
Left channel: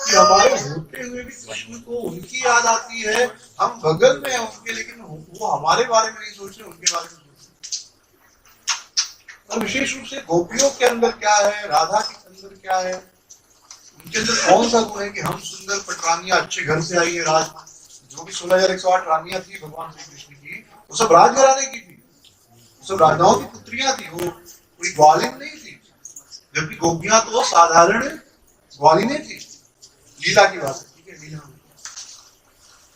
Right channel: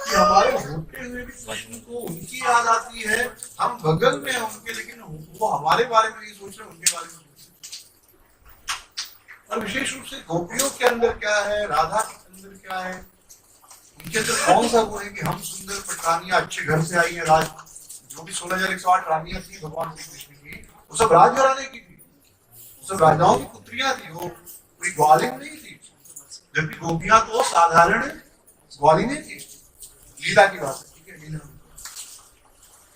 कि हमारे होते हुए भी कृष्ण को उनकी याद आती है। हम बगल में हैं उनके, लेकिन वो हमारे बारे में नहीं सोच रहे, उनके बारे में सोच रहे। और विशेष रूप से गोपियों के अंदर क्या है, राधा के अंदर क्या है, उनके अंदर कौन सा गुण है कि हम सुंदर पटरानियां, अच्छे घर से आई है, राज जो भी 16,108 रानियां थी भगवान श्री कृष्ण की, वो सब राजघराने की थी, सब राजाओं की पुत्रियां थी, वो कोई ग्वालिन नहीं थी। जबकि गोपियां तो साधारण ग्वालिनें थी। लीला की बात है, ठीक है, लीला में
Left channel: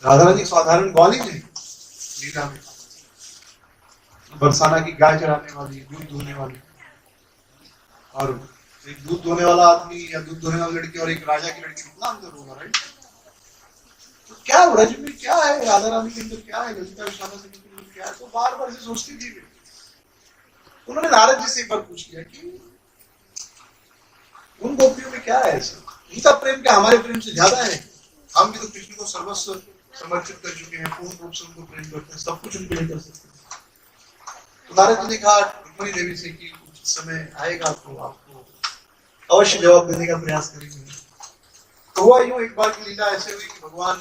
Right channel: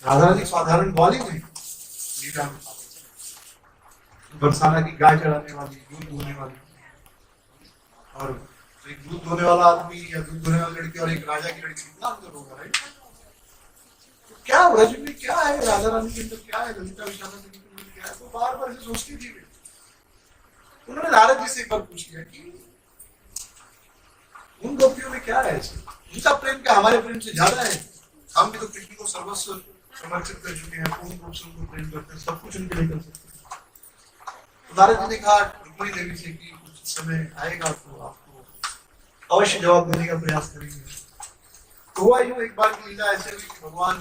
राधा रानी साधारण ग्वालिन है, लीला में बरसाना की गाय चराने वाली, दूध दूहने वाली। और एक दूध धोने वाला आदमी या दूध धोने वाली लड़की और एक राजा की लड़की, कितना अंतर होगा, राइट? तो क्या ब्रज में क्या है, राधा रानी के अंदर क्या है, ललिता विशाखा के अंदर क्या है? तो बार बार से सोचती थी वे। उन्होंने नारद जी से एक बार पूछ लिया कि उन गोपियों में क्या है ऐसे, उनका प्रेम क्या हमारे प्रेम से ज्यादा है? हम भी तो कृष्ण को सर्वस्व समर्पित कर चुके हैं, पूर्ण रूप से उनको प्रेम करते हैं, सब कुछ उनके लिए कर सकते हैं। तो नारद जी ने कहा रुक्मिणी देवी से कि कुछ समय आएगा तो आपको अवश्य जवाब देने का प्रयास करेंगे। तो हुआ यूं, एक बार की लीला ऐसे हुई कि भगवान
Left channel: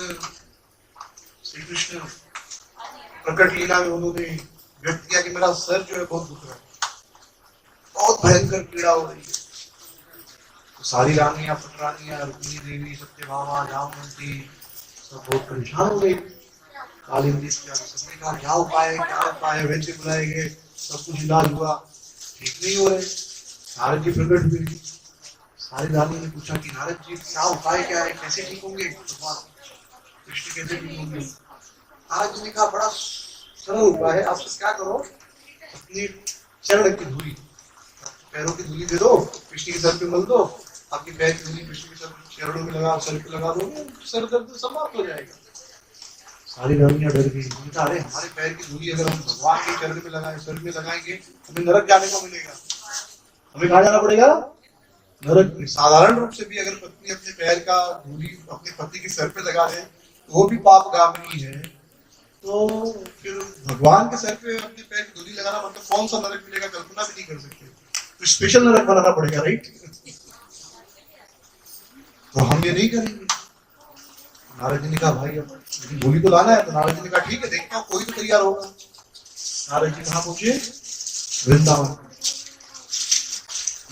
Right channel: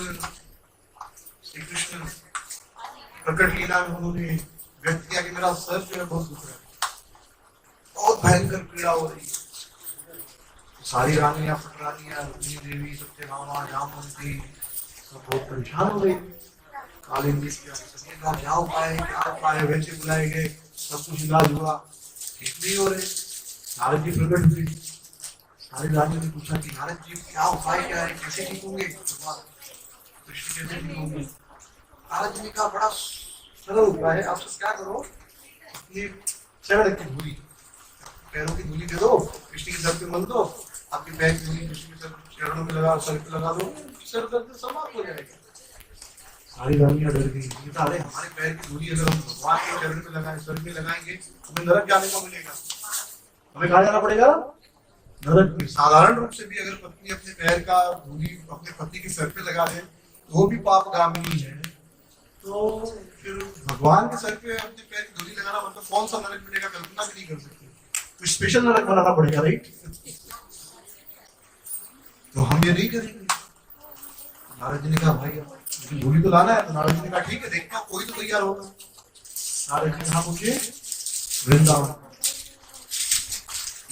श्री कृष्ण प्रकट लीला में उन्होंने व्यक्त किया कि मेरा सर जो है बहुत दुख रहा है, बहुत भयंकर पीड़ा हो रही है। तो सारी रानियां, पटरानियां, रुक्मिणी देवी, सत्यभामा, जामवंती सब बहुत परेशान हो गई। कालिंदी सबने कहा क्या उपाय है, क्या उपाय है? वैसे बुलाए गए, सब कुछ इलाज हुआ, ठीक नहीं हो रहे। नारद जी प्रकट हुए, सारी रानियों ने पूछा कि नारद जी क्या उपाय क्या है, कैसे ठीक होंगे भगवान कृष्ण, कैसे ठीक होंगे? नारद जी ने कहा बड़ा सरल उपाय है, आप क्या करो, अपनी चरण की धूली, पैरों की धूली दे दो, कृष्ण के सर पे मल दो, आपके पैर की धूली कृष्ण के चरणों में लगा, सर पे लगा दो, सर दर्द समाप्त हो जाएगा। सारी रानियां डर गई, अरे हमारे पैर की धूली अगर हम भगवान के चरण में लगाएं, सर में लगाएंगे, हमें नरक जाने को मिलेगा, हमें कहाँ जाना पड़ेगा? नरक में। साधारण रूप से भी अगर पत्नी अपने पैर का धूली अपने पति के सर पे लगा ले तो वो भी पापगामिनी है, तो फिर भगवान के सर पे अपने पैर की धूली लगाना मतलब कौन सा नरक मिलेगा, कल्पना भी नहीं कर सकते। तो स्पेशल नरक बनाना पड़ेगा, राइट? तो हम ये नहीं करेंगे। नारद जी ने कहा भाई अब धूली तो लाना है। तो नारद जी ने कहा ठीक है, देखता हूँ कोई तो तैयार होगा। नारद जी कहाँ पहुंचे? वृंदावन।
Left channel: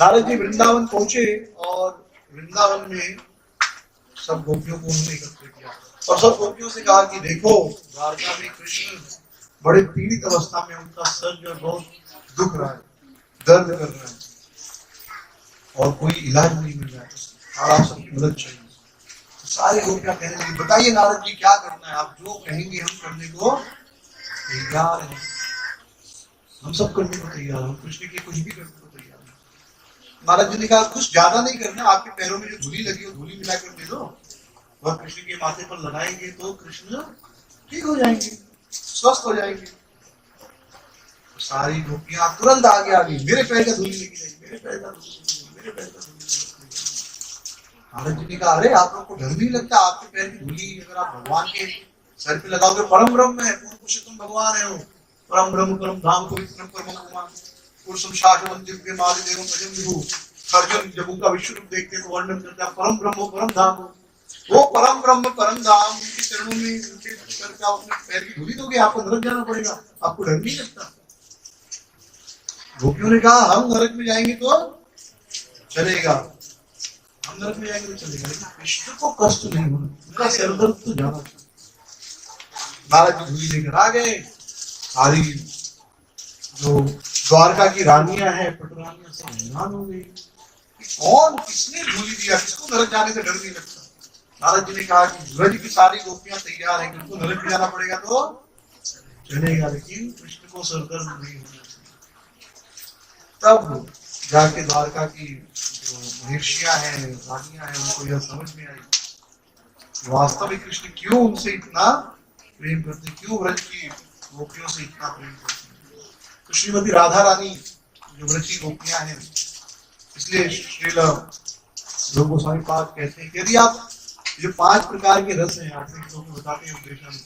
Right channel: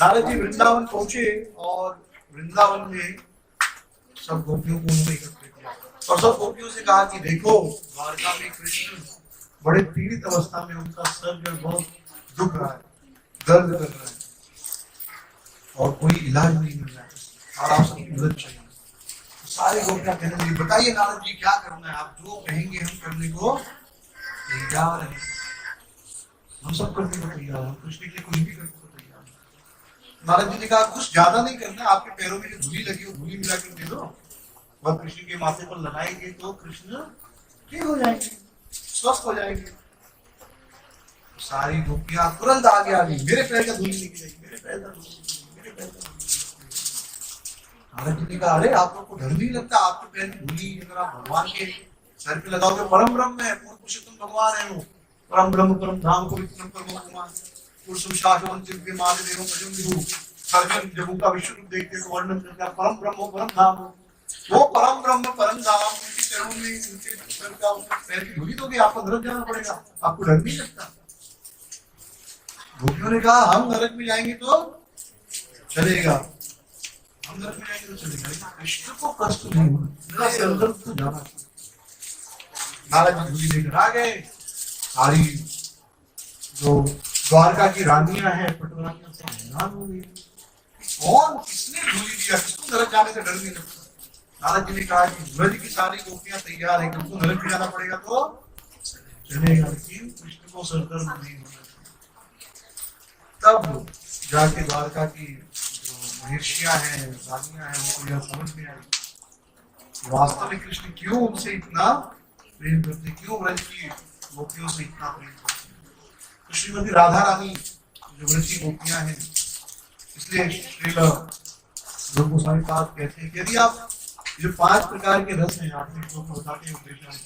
नारद जी वृंदावन पहुंचे और वृंदावन में सब गोपियों को उन्होंने एकत्र किया और सब गोपियों से कहा कि देखो द्वारका में कृष्ण बड़े पीड़ित अवस्था में, उनका सर जो बहुत दुख रहा है, दर्द कर रहा है और कोई इलाज नहीं मिल रहा है और आप सबकी मदद चाहिए। तो सारे गोपियां कहने लगी बताइए नारद जी क्या करना है, आप जो कहेंगे हम करने को तैयार हैं, हम सब करने को तैयार हैं, कृष्ण के लिए कुछ भी करने को तैयार हैं। नारद जी ने कहा कुछ ज्यादा नहीं करना, आपके पैरों में जो धूली लगी हो धूली मिलाकर दे दो, वह कृष्ण के माथे पर लगाएंगे तो कृष्ण ठीक हो जाएंगे, स्वस्थ हो जाएंगे। सारी गोपियां तुरंत आगे आ गई, मेरे पैर का धूली लेके जाइए, मेरे पैर का धूली, मेरे पैर का धूली। नारद जी ने कहा अरे आप लोग को डर नहीं लगता, आपके पैर की धूली अगर आप भगवान के सर पे लगाओगे, परम ब्रह्म है, पूर्ण पुरुषोत्तम भगवान है वो, परम ब्रह्म परम धाम पवित्रम परम भगवान पुरुषम शाश्वतम दिव्य मादि देवम भजम विभु। अर्जुन जब उनका विश्व रूप देखते हैं तो वर्णन करता है परम ब्रह्म परम धाम, वो परम ब्रह्म परम धाम, उनके चरणों में उनके सर का उनके पैर की धूली दोगे, आपको नरक जाना पड़ेगा, आपको डर नहीं लगता? गोपियों ने कहा हम नरक में जाएंगे तो चलेगा, हम नरक में जाएंगे तो चलेगा, लेकिन कृष्ण को कष्ट नहीं होना, उनका सिर दर्द तो जाना चाहिए। नारद जी धूली लेकर आ गए, सारी जो द्वारका की रानियां हैं, पटरानियां सब हैरान हो गई, कौन किसने धूली दिया, किसको नरक जाने से डर नहीं लगता? नारद जी ने कहा कि ब्रज की सारी गोपियां तैयार हैं, किसको नरक में जाना पड़ेगा तो चलेगा, लेकिन कृष्ण को सर दर्द नहीं होना चाहिए। तब जाके द्वारका की जो महर्षियां हैं, रानियां हैं, उनको यह समझ में आई वास्तव में कृष्ण क्यों उनसे इतना प्रेम करते, क्यों ब्रज की गोपियों से इतना प्रेम करते। तो श्रीमती राधा रानी जो ब्रज की गोपियां हैं, इसलिए श्रील ध्रुव गोस्वामी पाद कहते हैं कि यदि आप जो 5 प्रकार के रस हैं, आपने लोगों को बताते हैं उपदेशामृत,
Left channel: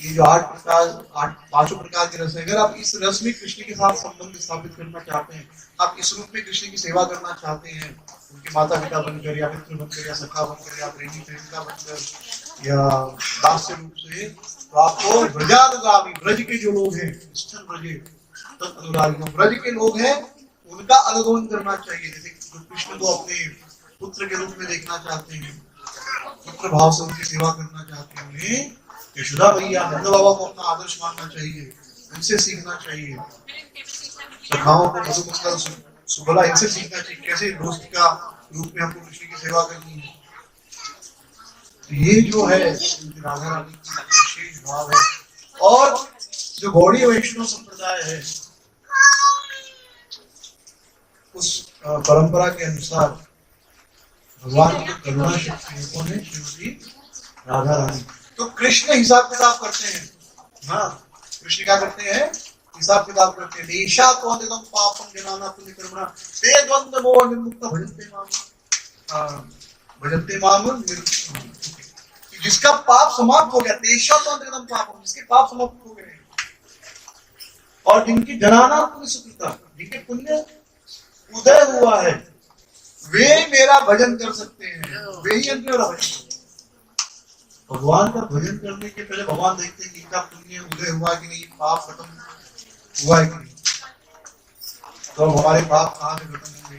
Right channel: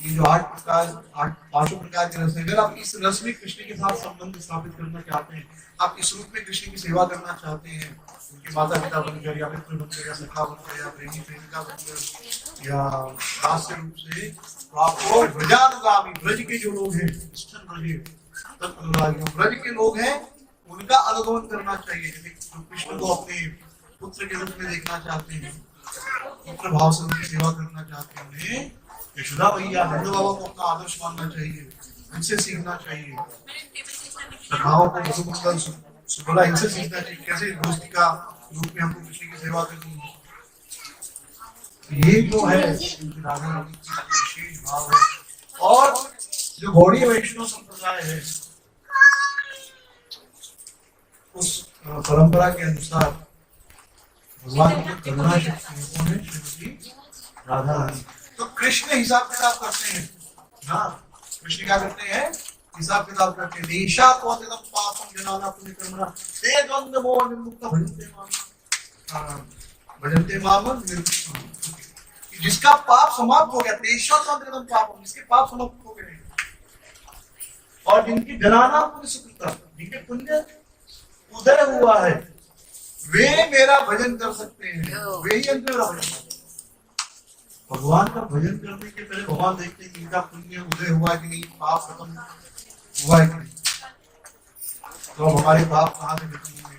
ये जो 5 प्रकार के रस है, अगर आप इस रस में कृष्ण के साथ संबंध स्थापित करना चाहते हैं, आप इस रूप में कृष्ण की सेवा करना चाहते हैं, उनके माता पिता बनकर या मित्र बनकर या सखा बनकर या प्रेमी प्रेमिका बनकर या दास्य रूप से, तो आपको ब्रजानुगामी, ब्रज के जो लोग हैं, ब्रज के लोग हैं, उनका अनुगमन करना चाहिए। जैसे जो कृष्ण को अपने पुत्र के रूप में देखना चाहते हैं, पुत्र भाव से उनकी सेवा करना चाहते हैं, उन्हें यशोदा मैया नंद बाबा को अपना आदर्श मानना चाहिए, इनसे सीखना चाहिए। सखाओं को मधुमंगल सुबला, इनसे सीखना चाहिए कैसे दोस्त का रूप में हमको कृष्ण की सेवा करनी है। तो ये जो है राधा रानी की विशेष भाव है। और जो गौड़ीय वैष्णव संप्रदाय है, उस परंपरा के अनुसार भगवान की करुणा शक्ति है, कौन है? श्रीमती राधा रानी। तो कृष्ण हिसाब किताब करते हैं। हाँ, कृष्ण क्या करते हैं? हिसाब किताब करते हैं। ईशा को एकदम पापम जनाना पुण्य कर्मणा ते द्वंद्व मोह निर्मुक्त भजन्ते माम। हाँ, भजन्ते माम निर्मुक्त। जिसका पाप समाप्त हो गया, तेषा तो एकदम पापम, जिसके पाप समाप्त हो गए, और जिनकी जनाना पुण्य सुकृता, जिनके पुण्य उदय हुआ है, वे मेरा भजन कर सकते हैं। वे ही मेरा भजन। भगवान का भजन करने के पहले भगवान देखते हैं कि इनका पुण्य उदय हुआ कि नहीं, पाप खत्म हुआ है कि नहीं। तो हमारे पाप कहाँ से खत्म होंगे?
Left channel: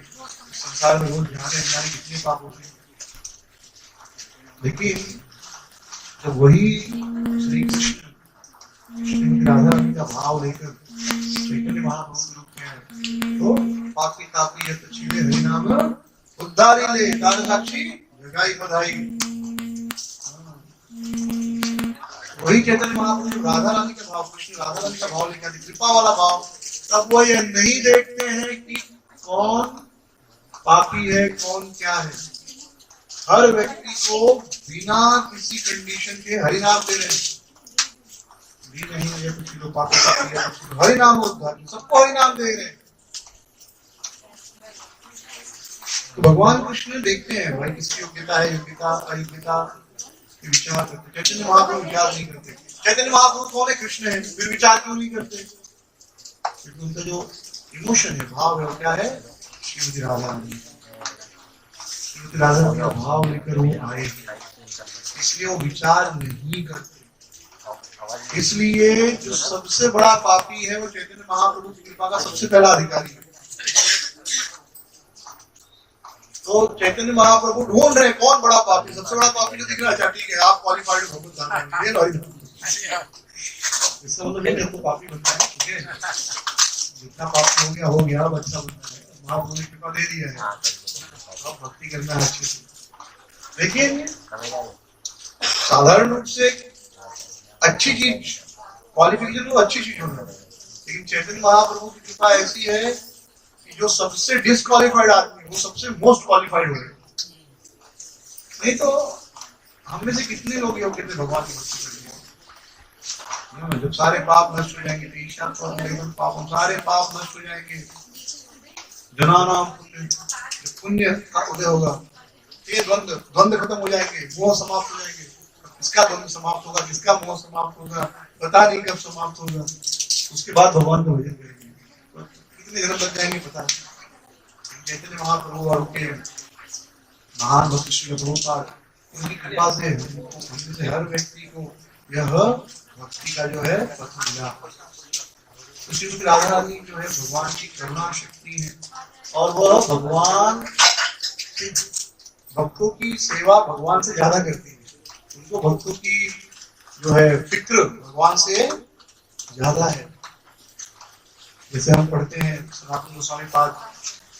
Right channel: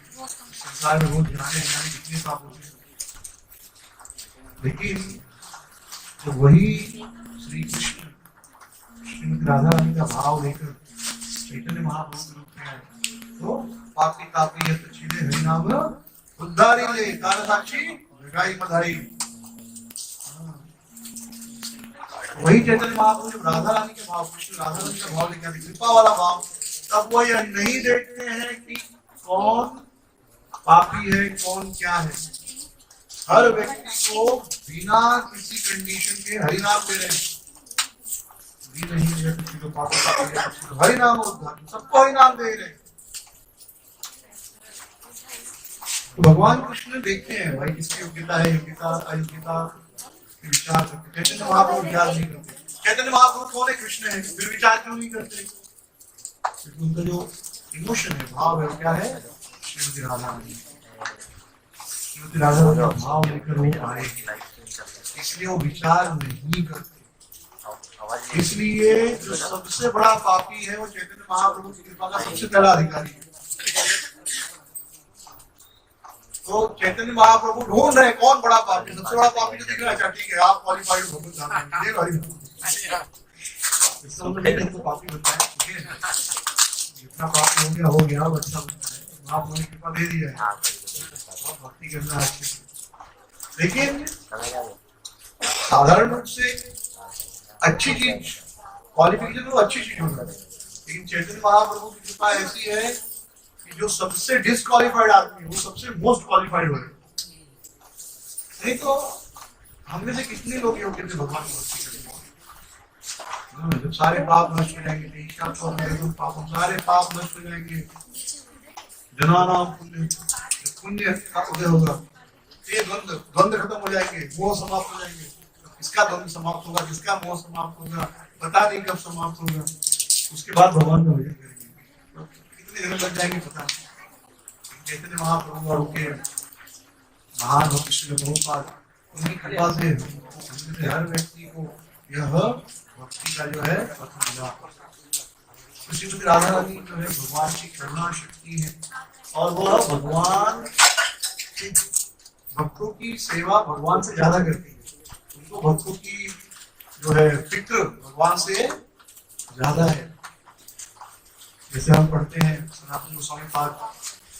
संसार में रोज जाने अनजाने कितने पाप होते हैं। लेकिन तो वही श्री कृष्ण श्रीमती राधा रानी का भाव लेकर चैतन्य महाप्रभु के रूप में आए, तो पापी तापी है तो छीले हरि नाम उद्धारी ले, काल साक्षी जगाई बधाई। वही चैतन्य महाप्रभु जब राधा रानी का भाव, कृष्ण राधा रानी का भाव लेकर आते, कृपा वाला भाव, तब वो यह नहीं देखते हैं कि कौन पापी है कौन क्या है। हर व्यक्ति को बिना किसी कंडीशन के हरि नाम दे रहे हैं। भी नहीं है किसी को पापी है, हरि नाम उद्धार, सबको हरि नाम दे रहे हैं। तो भगवान कृष्ण देखते हैं भाई किसकी योग्यता है, योग्यता अयोग्यता विचार करते। चैतन्य महाप्रभु विचार नहीं करते। चैतन्य महाप्रभु कौन है? कृष्ण है, फिर विचार क्यों नहीं करते? क्योंकि उनका जो इमोशन है, भाव है, वो क्या है? श्रीमती राधा रानी। श्रीमती राधा रानी का भाव लेकर वो आए, इसलिए वो विचार नहीं करते। इसलिए जो सबसे बड़ा पापी है वो चैतन्य महाप्रभु की कृपा का सबसे पहला अधिकारी है। तो चैतन्य महाप्रभु ढूंढ रहे हैं कौन बड़ा पापी, सबसे बड़ा पापी जो दिख रहा है। अच्छा ठीक है, आप क्वालिफाइड हो, इसका मतलब ये तो पापी बनता है। ठीक है, जितना पापी हो गया अब अच्छा बनता है। महाप्रभु ने कृपा दे दिया है, अब भक्ति करना है अच्छे से। लेकिन साधारण रूप से अच्छी चीज, क्वालिफिकेशन वो अच्छी चीज होना है। लेकिन चैतन्य महाप्रभु की कृपा ऐसी है कि जो सबसे डिसक्वालिफाइड आदमी वो सबसे मोस्ट क्वालिफाइड हो रहे। नहीं तो हम में से कितने लोग योग्य थे भगवान की भक्ति करने? जब सारे पाप नष्ट हो जाएंगे, पाप सारे पाप नष्ट हो जाएंगे, जनानाम पुण्य, पुण्य का उदय होगा, ये द्वंद्व खत्म हो जाएंगे, मोह समाप्त हो जाएंगे। किसका द्वंद्व समाप्त होगा, किसका मोह समाप्त होगा, पता नहीं कब समाप्त होगा। उसके बाद भगवान का भजन करेंगे। कितने जन्म लग जाएंगे पता नहीं। चैतन्य महाप्रभु और उनके महान भक्त श्री प्रभुपाद, उनकी कृपा से हर व्यक्ति को यह भक्ति का जो है पथ मिला। तो श्रीमती राधा रानी जो है भगवान की करुणा शक्ति है, और वह भगवान से भक्तों की सेवा भगवान से ज्यादा करती है। उनको भक्तों की जो है फिक्र भगवान से ज्यादा है। जैसे हम पढ़ते हैं सनातन गोस्वामी पाद,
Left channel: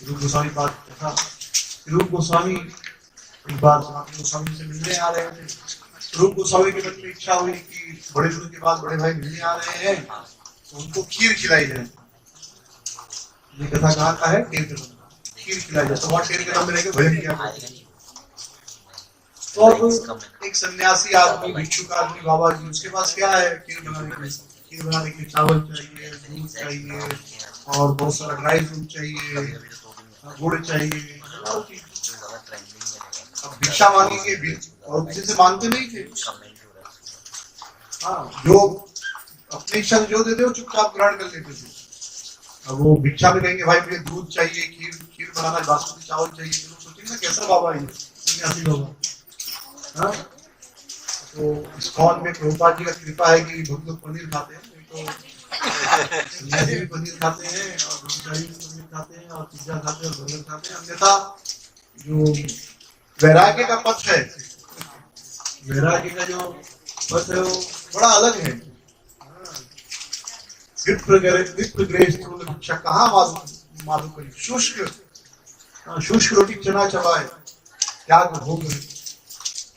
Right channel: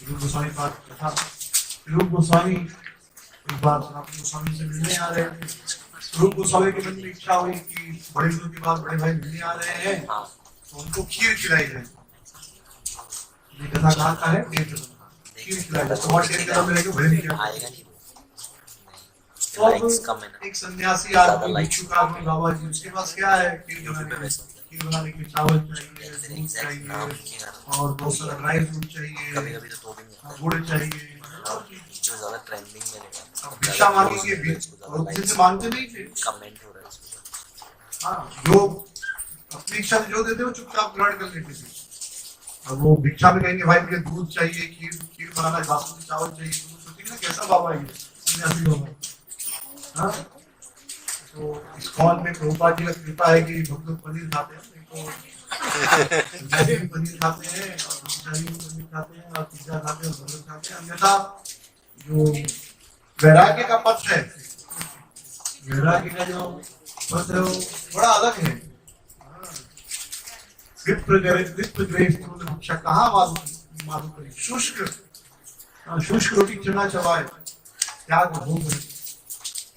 रूप गोस्वामी पाद तथा रूप गोस्वामी एक बार सनातन गोस्वामी से मिलने आ रहे थे। रूप गोस्वामी के मन में इच्छा हुई कि बड़े दिनों के बाद बड़े भाई मिलने आ रहे हैं तो उनको खीर खिलाई जाए। ये कथा कहाँ का है? टेर कदम। खीर खिलाई जाए तो वहाँ टेर कदम में रहकर भजन किया। तो एक सन्यासी आदमी, भिक्षुक आदमी बाबा जी, उसके पास क्या है? खीर बनाने के चावल चाहिए, दूध चाहिए, और बहुत सारा ड्राई फ्रूट चाहिए, गुड़ चाहिए। अब भिक्षा मांगेंगे और किसी से मांगते नहीं थे। हाँ, जो अपनी इच्छा से जो देते वो चुपचाप ग्रहण कर लेते थे। अब वो भिक्षा में कहेंगे भाई मुझे दूध चाहिए, खीर बनाना, बासमती चावल चाहिए, तो सोचेंगे ना कैसा बाबा है सन्यासी होगा। हाँ, तो इस्कॉन में प्रभुपाद जी का कृपा है कि भक्त लोग पनीर खाते हैं, तो सन्यासी भी पनीर खाते हैं और ब्रह्मचारी भी पनीर खाते हैं और पिज्जा खाते हैं और बर्गर खाते हैं। अन्यथा जो वैराग्य का पथ है, वैराग्य का जो पथ है वो बड़ा अलग है। भिक्षा कहाँ माधु करी, शुष्क रोटी चना चबाए, त्याग भोग।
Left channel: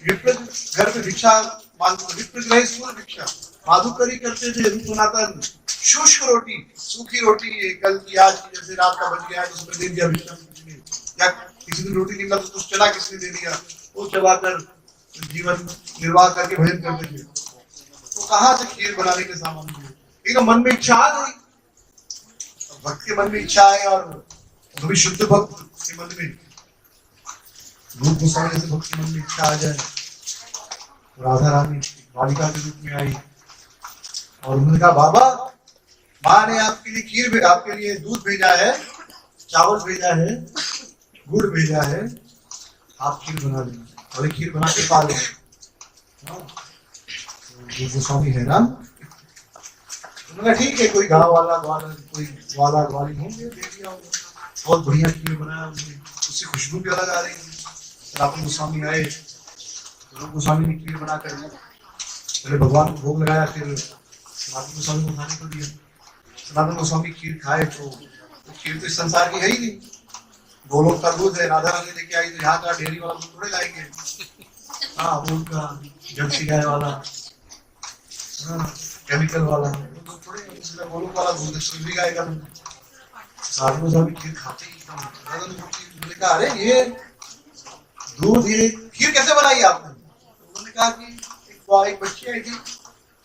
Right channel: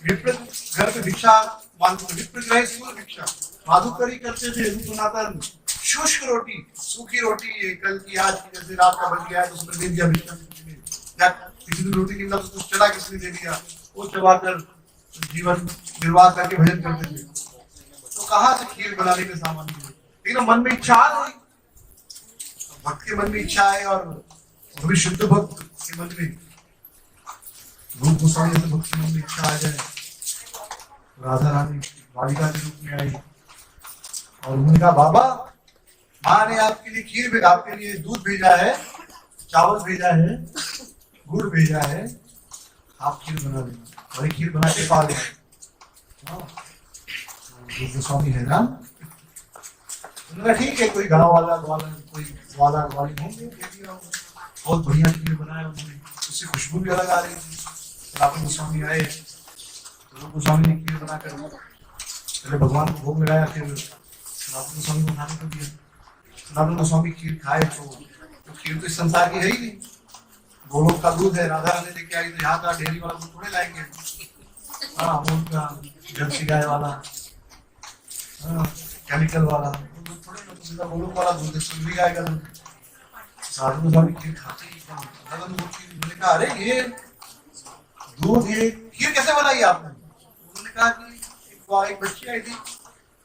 विप्र घर में भिक्षा मांगते, विप्र भिक्षा माधुकरी करते थे, रूप सनातन शुष्क रोटी, सूखी रोटी, ये कल की आज की, जैसे रात का बच गया है तो उसमें दे दिया विश्राम, या किसी दिन रोटी निकला तो कुछ चला किसी ने दे दिया, वो चबाकर जीवन निर्वाह करके भजन करते थे। तो कहाँ से खीर बनाने के सामान मिले? लेकिन मन में इच्छा आ गई, भक्त के मन में इच्छा है, और कभी शुद्ध भक्त के मन में, रूप गोस्वामी से भक्त के मन में इच्छा आ जाए, राधा रानी बालिका के रूप में आई और उन्होंने कहा, बाबा माँ ने आपके लिए खीर, आपके लिए दूध भेजा है, चावल भेजा है, गुड़ भेजा है, आप खीर बना देना, और खीर बना के पा देना। गोस्वामी है ना, उन्होंने ठीक है, कोई गाँव वाला कोई वाला ग्वाली होंगे, दे दिया, बहुत बढ़िया खीर बनाया उन्होंने, उससे खुशबू भी अलग आ रही थी। सनातन गोस्वामी आए, तो गोस्वामी ने खीर बनाकर पहले भगवान को भोग लगाया, फिर सनातन गोस्वामी को खाने को दिया। सनातन गोस्वामी खीर खाए तो खीर तो इस संसार की है ही नहीं, गोलोक का दूध है, राधा रानी लेके आई, तो यहाँ का डेयरी वाला दूध थोड़े लाएंगे, हाँ वो का जर्सी गाय वाला, हाँ केमिकल वाला दूध थोड़े, गोलोक वाला दूध सुंदरी गाय का दूध। सनातन गोस्वामी खीर खाते ही उन्होंने कहा, अरे ये दूध, ये खीर कैसे बनाई आपने? उन्होंने कहा कि एक बच्ची आई थी,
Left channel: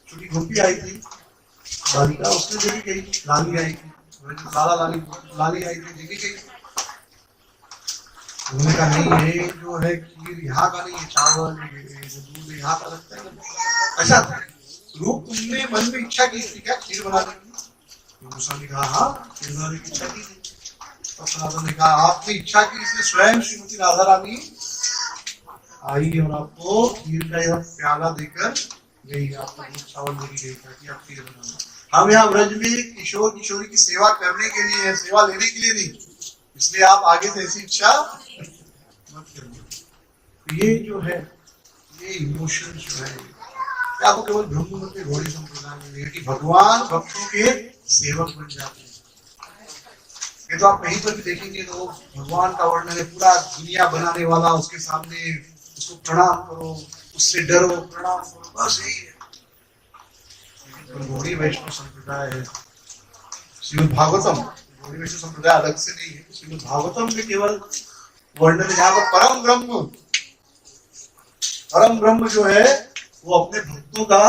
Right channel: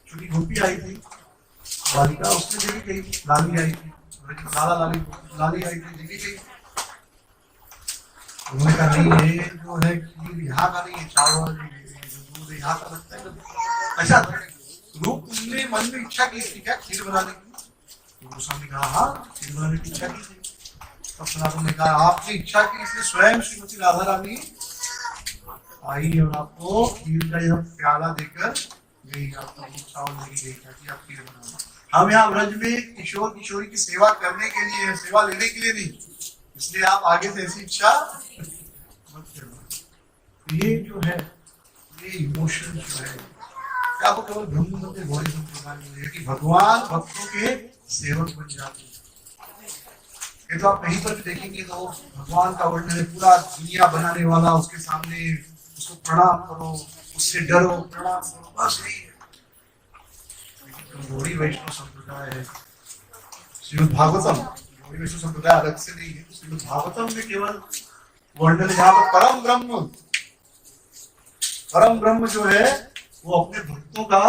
छोटी गोपी आई थी, बालिका, उसने देखी गई, लाली आई थी, लाली आई थी, देखी गई। उन्होंने कहा, नहीं ये जो है खीर यहाँ का नहीं है, चावल जो दूध यहाँ का लगता है। अच्छा रूप, तुमने मन में इच्छा की थी क्या खीर बनाने की? तो गोस्वामी कहा, हाँ खीर बनाने की इच्छा की थी। तब सनातन ने कहा, आपने इच्छा की, इसलिए स्वयं श्रीमती राधा रानी आई और आपको खीर का यह प्याला देकर गई, आपको चावल देके गई ताकि आप खीर बनाओ। हम यहाँ व्रज में किशोर किशोरी की सेवा करने के लिए है, सेवा लेने के लिए नहीं, इसलिए आप आगे से ऐसी इच्छा मत करना। ये जो है, ये इमोशन जो है, आपको केवल ब्रह्म मंत्र गौड़ी संप्रदाय में मिलेगा कि भगवान भक्तों के सेवक बन जाते हैं। ये तो आप कहीं पर भी देखेंगे तो भगवान का वर्णन है, पूरा दुनिया बनाने वाला, उसके सामने उसको प्रणाम करो, उससे डरो, प्रणाम करो, बस यही है। गौड़ी वैष्णव संप्रदाय है, श्रीमद् भागवतम, गौड़ी वैष्णव संप्रदाय अलग से नहीं है, श्रीमद् भागवतम में केवल वर्णन, जहाँ पर परम ब्रह्म जो है वो अपने भक्तों का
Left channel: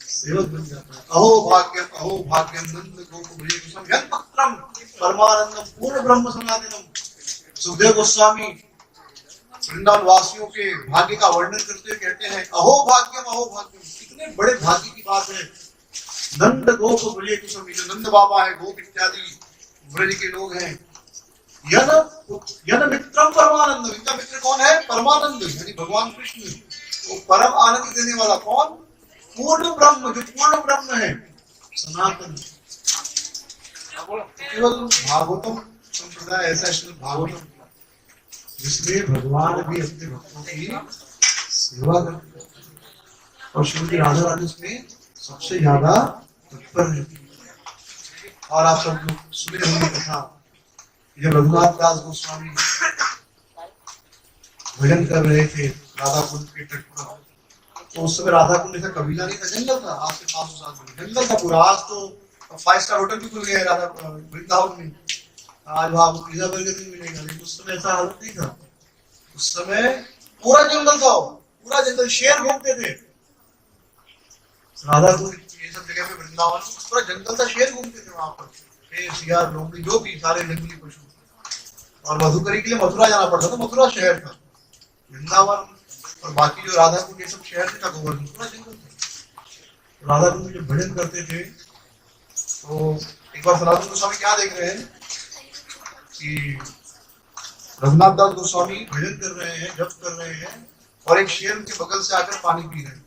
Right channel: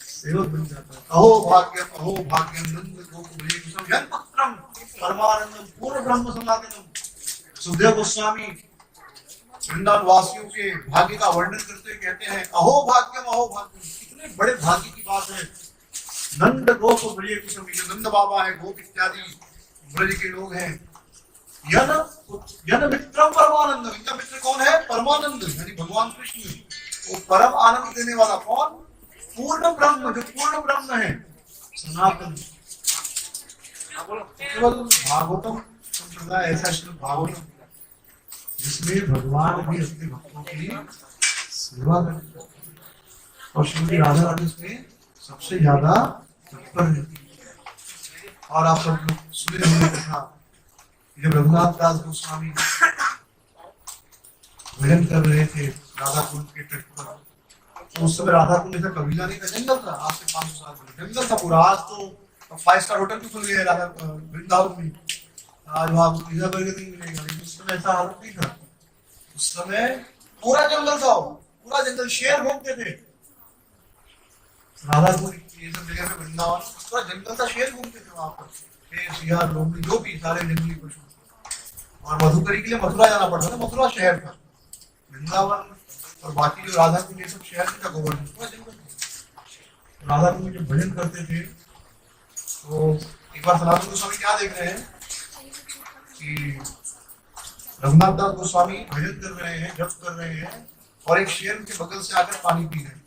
सेवक बन जाता है। अहो भाग्यम नंद गोकुलेशम यन्पत्रम परमानंदम पूर्ण ब्रह्म सनातनम। सुखदेव गोस्वामी वृंदावन वासियों के भाग्य का वर्णन करते हुए कहते हैं, अहो भाग्यम, कितने बड़े भाग्य की बात है। नंद गोप ब्रजे कुसुम, जो नंद बाबा है, गोप इत्यादि ब्रज के लोग हैं। यन मित्रम परमानंदम, इनका मित्र कौन है? परमानंद, यानी भगवान कृष्ण। वो परम आनंद देने वाला कौन? पूर्ण ब्रह्म, जो पूर्ण ब्रह्म है, सनातन। केवल भागवतम संप्रदाय ऐसा श्रीमद् भागवतम जिसमें भगवान भी अपने भक्तों की सेवा करते हैं, और श्रीमती राधा रानी उसमें सबसे ज्यादा तत्पर है। और आप सब लोग सुने होंगे कथा, जब रघुनाथ दास गोस्वामी भजन कर रहे थे राधा कुंड के तट पर, तो उस समय राधा कुंड ऐसा कबीला नहीं था, जंगल था। आज से 500 साल पहले जंगल था पूरा। आज तो 5 स्टार होटल भी खुल गए राधा वृंदावन में, आज वहां आपको पिज्जा बर्गर नहीं मिलेगा, लेकिन उस समय ऐसा हालत नहीं था। उस समय पूरा जंगल था, पूरा जंगल, शेर घूमते थे राधा कुंड, ये सब जगह पे वृंदावन पूरा जंगल था, शेर घूमते थे वहां पर, शेर, सियार, लोमड़ी, जो भी सारे जंगली पशु। और मधुकरी के लिए मथुरा जाना पड़ता था, मथुरा शहर था। वृंदावन और बाकी जो राधा कुंड ये सब शहर था, गोवर्धन पूरा जंगल था। राधा कुंड में जब भजन करते थे तो एक बार सनातन गोस्वामी क्या देख रहे हैं कि रघुनाथ दास गोस्वामी भजन कर रहे हैं, जप कर रहे हैं, और एक शेर उनके बगल से आकर पानी पी रहे हैं।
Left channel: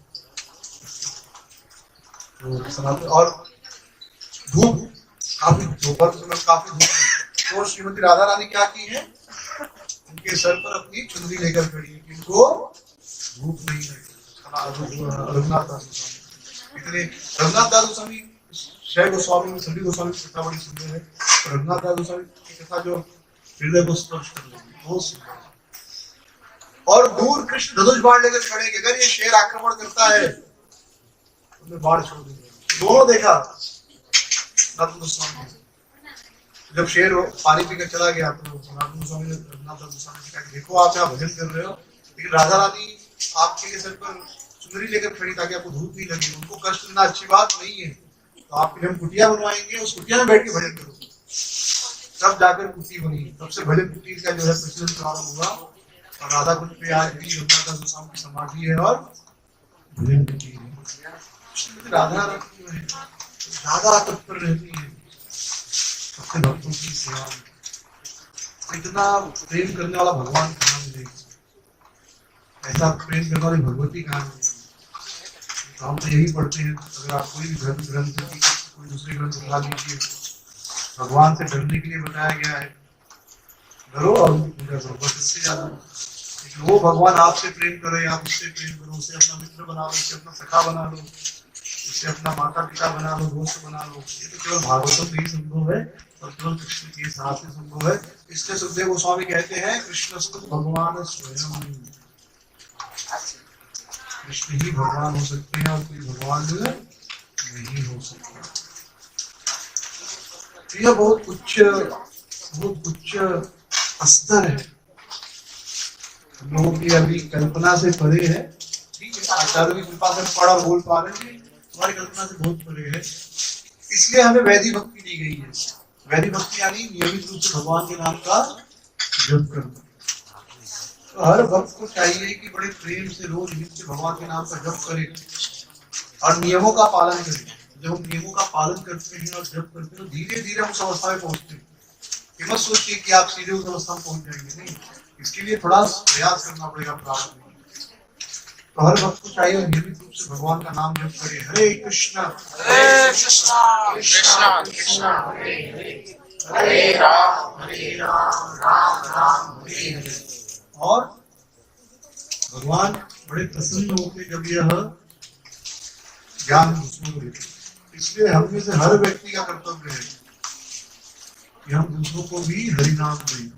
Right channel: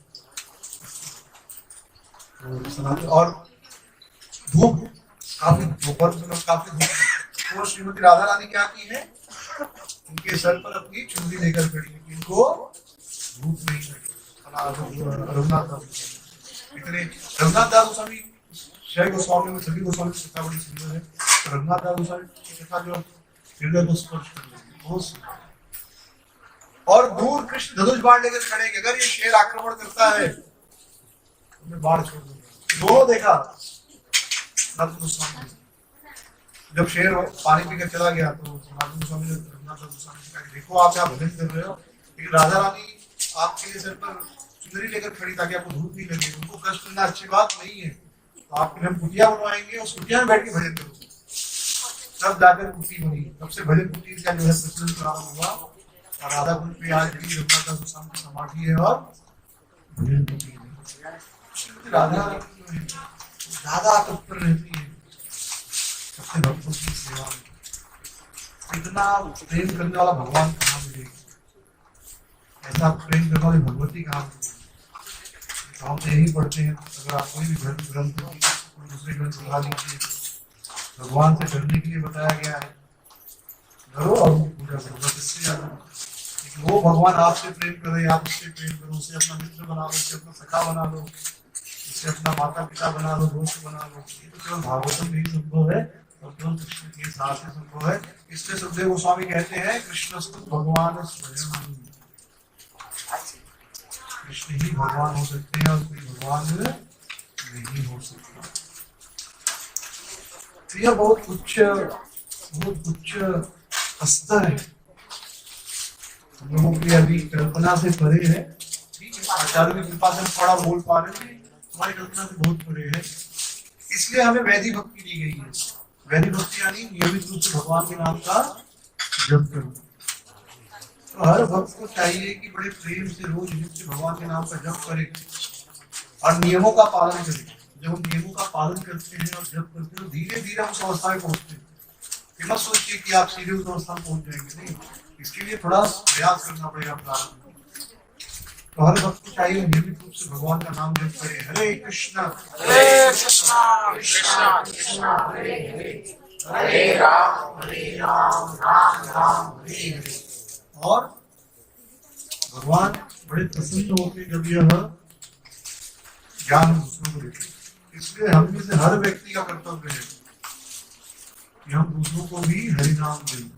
तो सनातन, और धूप काफी, दोपहर समय काफी धूप, तो श्रीमती राधा रानी क्या की है, उनके सर पर अपनी चुनरी लेकर खड़ी है, इनको धूप नहीं लगे। रघुनाथ दास गोस्वामी इतने, रघुनाथ दास गोस्वामी, शय गोस्वामी में सभी गोस्वामी की कथा बड़ी सुंदर है। रघुनाथ दास गोस्वामी की कथा जो हृदय को स्पर्श कर रही है, बहुत सुंदर। और दूर कृष्ण धनुष बाण लेकर खड़े कि अगर ये शेर आक्रमण करता है तो मैं बाढ़ छोड़ दूंगा। दोनों देखा, सनातन गोस्वामी जब शेर पानी पीकर चला गया तो सनातन गोस्वामी ने रघुनाथ गोस्वामी से कहा कि देखो आप यहाँ भजन कर रहे हो, लेकिन राधा रानी आपके लिए सिर पर चुनरी लेकर खड़ी ताकि आपको धूप नहीं लगे, उनको कष्ट देना अच्छी बात नहीं है, तो आपके लिए हम कुटिया बनवाएंगे, उस कुटिया में बैठ के भजन करो। तब जाकर कुटी बनी, तब से भजन कुटी का जो है प्रचलन प्रारंभ हुआ। और राधा कुंड पे आज भी रघुनाथ गोस्वामी की समाधि है और भजन कुटी है। राधा रानी जो है ज्यादा तत्पर रहती है अपने भक्तों की सेवा में। इतना प्रेम करने वाला भगवान कहाँ मिलेगा, ऐसा प्रेम करने वाली भगवती कहाँ मिलेगी। तो हम तो यही पढ़ते हैं, अगर आप कोई भी ग्रंथ कोई दूसरे ग्रंथ उठा लीजिए, भगवान से डरने के लिए बताया गया है, डरो और पूजा करो, बस इससे ज्यादा। लेकिन वो भगवान आपसे प्रेम करे, आप उससे प्रेम करो, उसे अपना मित्र बना लो, उसे अपना सखा बना लो, उसे अपना माता पिता बना लो, दोस्त बना लो। ये तो केवल भागवतम में ही संभव है और केवल कृष्ण के साथ ही संभव है। इसलिए सुखदेव गोस्वामी कहते हैं कृष्णस्तु भगवान स्वयं, कृष्ण ही भगवान हो सकते हैं और कोई भगवान नहीं हो सकता। यह बहुत उच्च स्तर है, हम लोगों की अभी कल्पना से परे है। ठीक है, आचार्यों की कृपा से हम पढ़ और बोल पा रहे हैं, हमारी कल्पना से बहुत परे है। इसलिए हमें वैदिक भक्ति दी गई है। वैदिक भक्ति यानी नियमित रूप से भगवान के नाम का जप करना। तो हर भक्त को चाहिए कि बड़े प्रेम से रोज नित्य भगवान के नाम का जप करे और नियमों का पालन करे। जब हम नियमों का पालन करते हैं और जप करते हैं तो धीरे धीरे हम उस अवस्था में पहुंचते हैं। ये मत सोचिए कि आप सीधे उस अवस्था में पहुंच जाएंगे, नहीं, इसके लिए थोड़ा प्रयास करना पड़ेगा, प्रारंभ। तो हर भक्त को चाहिए नियमित रूप से भगवान का नाम जप करे। हरे कृष्णा कृष्णा कृष्णा हरे हरे, हरे राम राम राम हरे हरे। और भगवान बड़े प्रसन्न होते जब यह ज्ञान दूसरों को देते। इसलिए हम में से हर व्यक्ति का कर्तव्य है कि हम दूसरों को भी हरिनाम दें।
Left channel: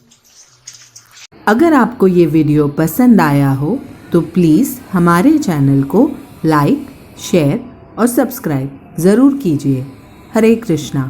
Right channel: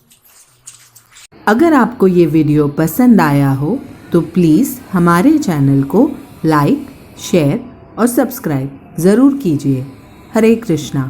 अगर आपको ये वीडियो पसंद आया हो तो प्लीज़ हमारे चैनल को लाइक, शेयर और सब्सक्राइब ज़रूर कीजिए। हरे कृष्णा।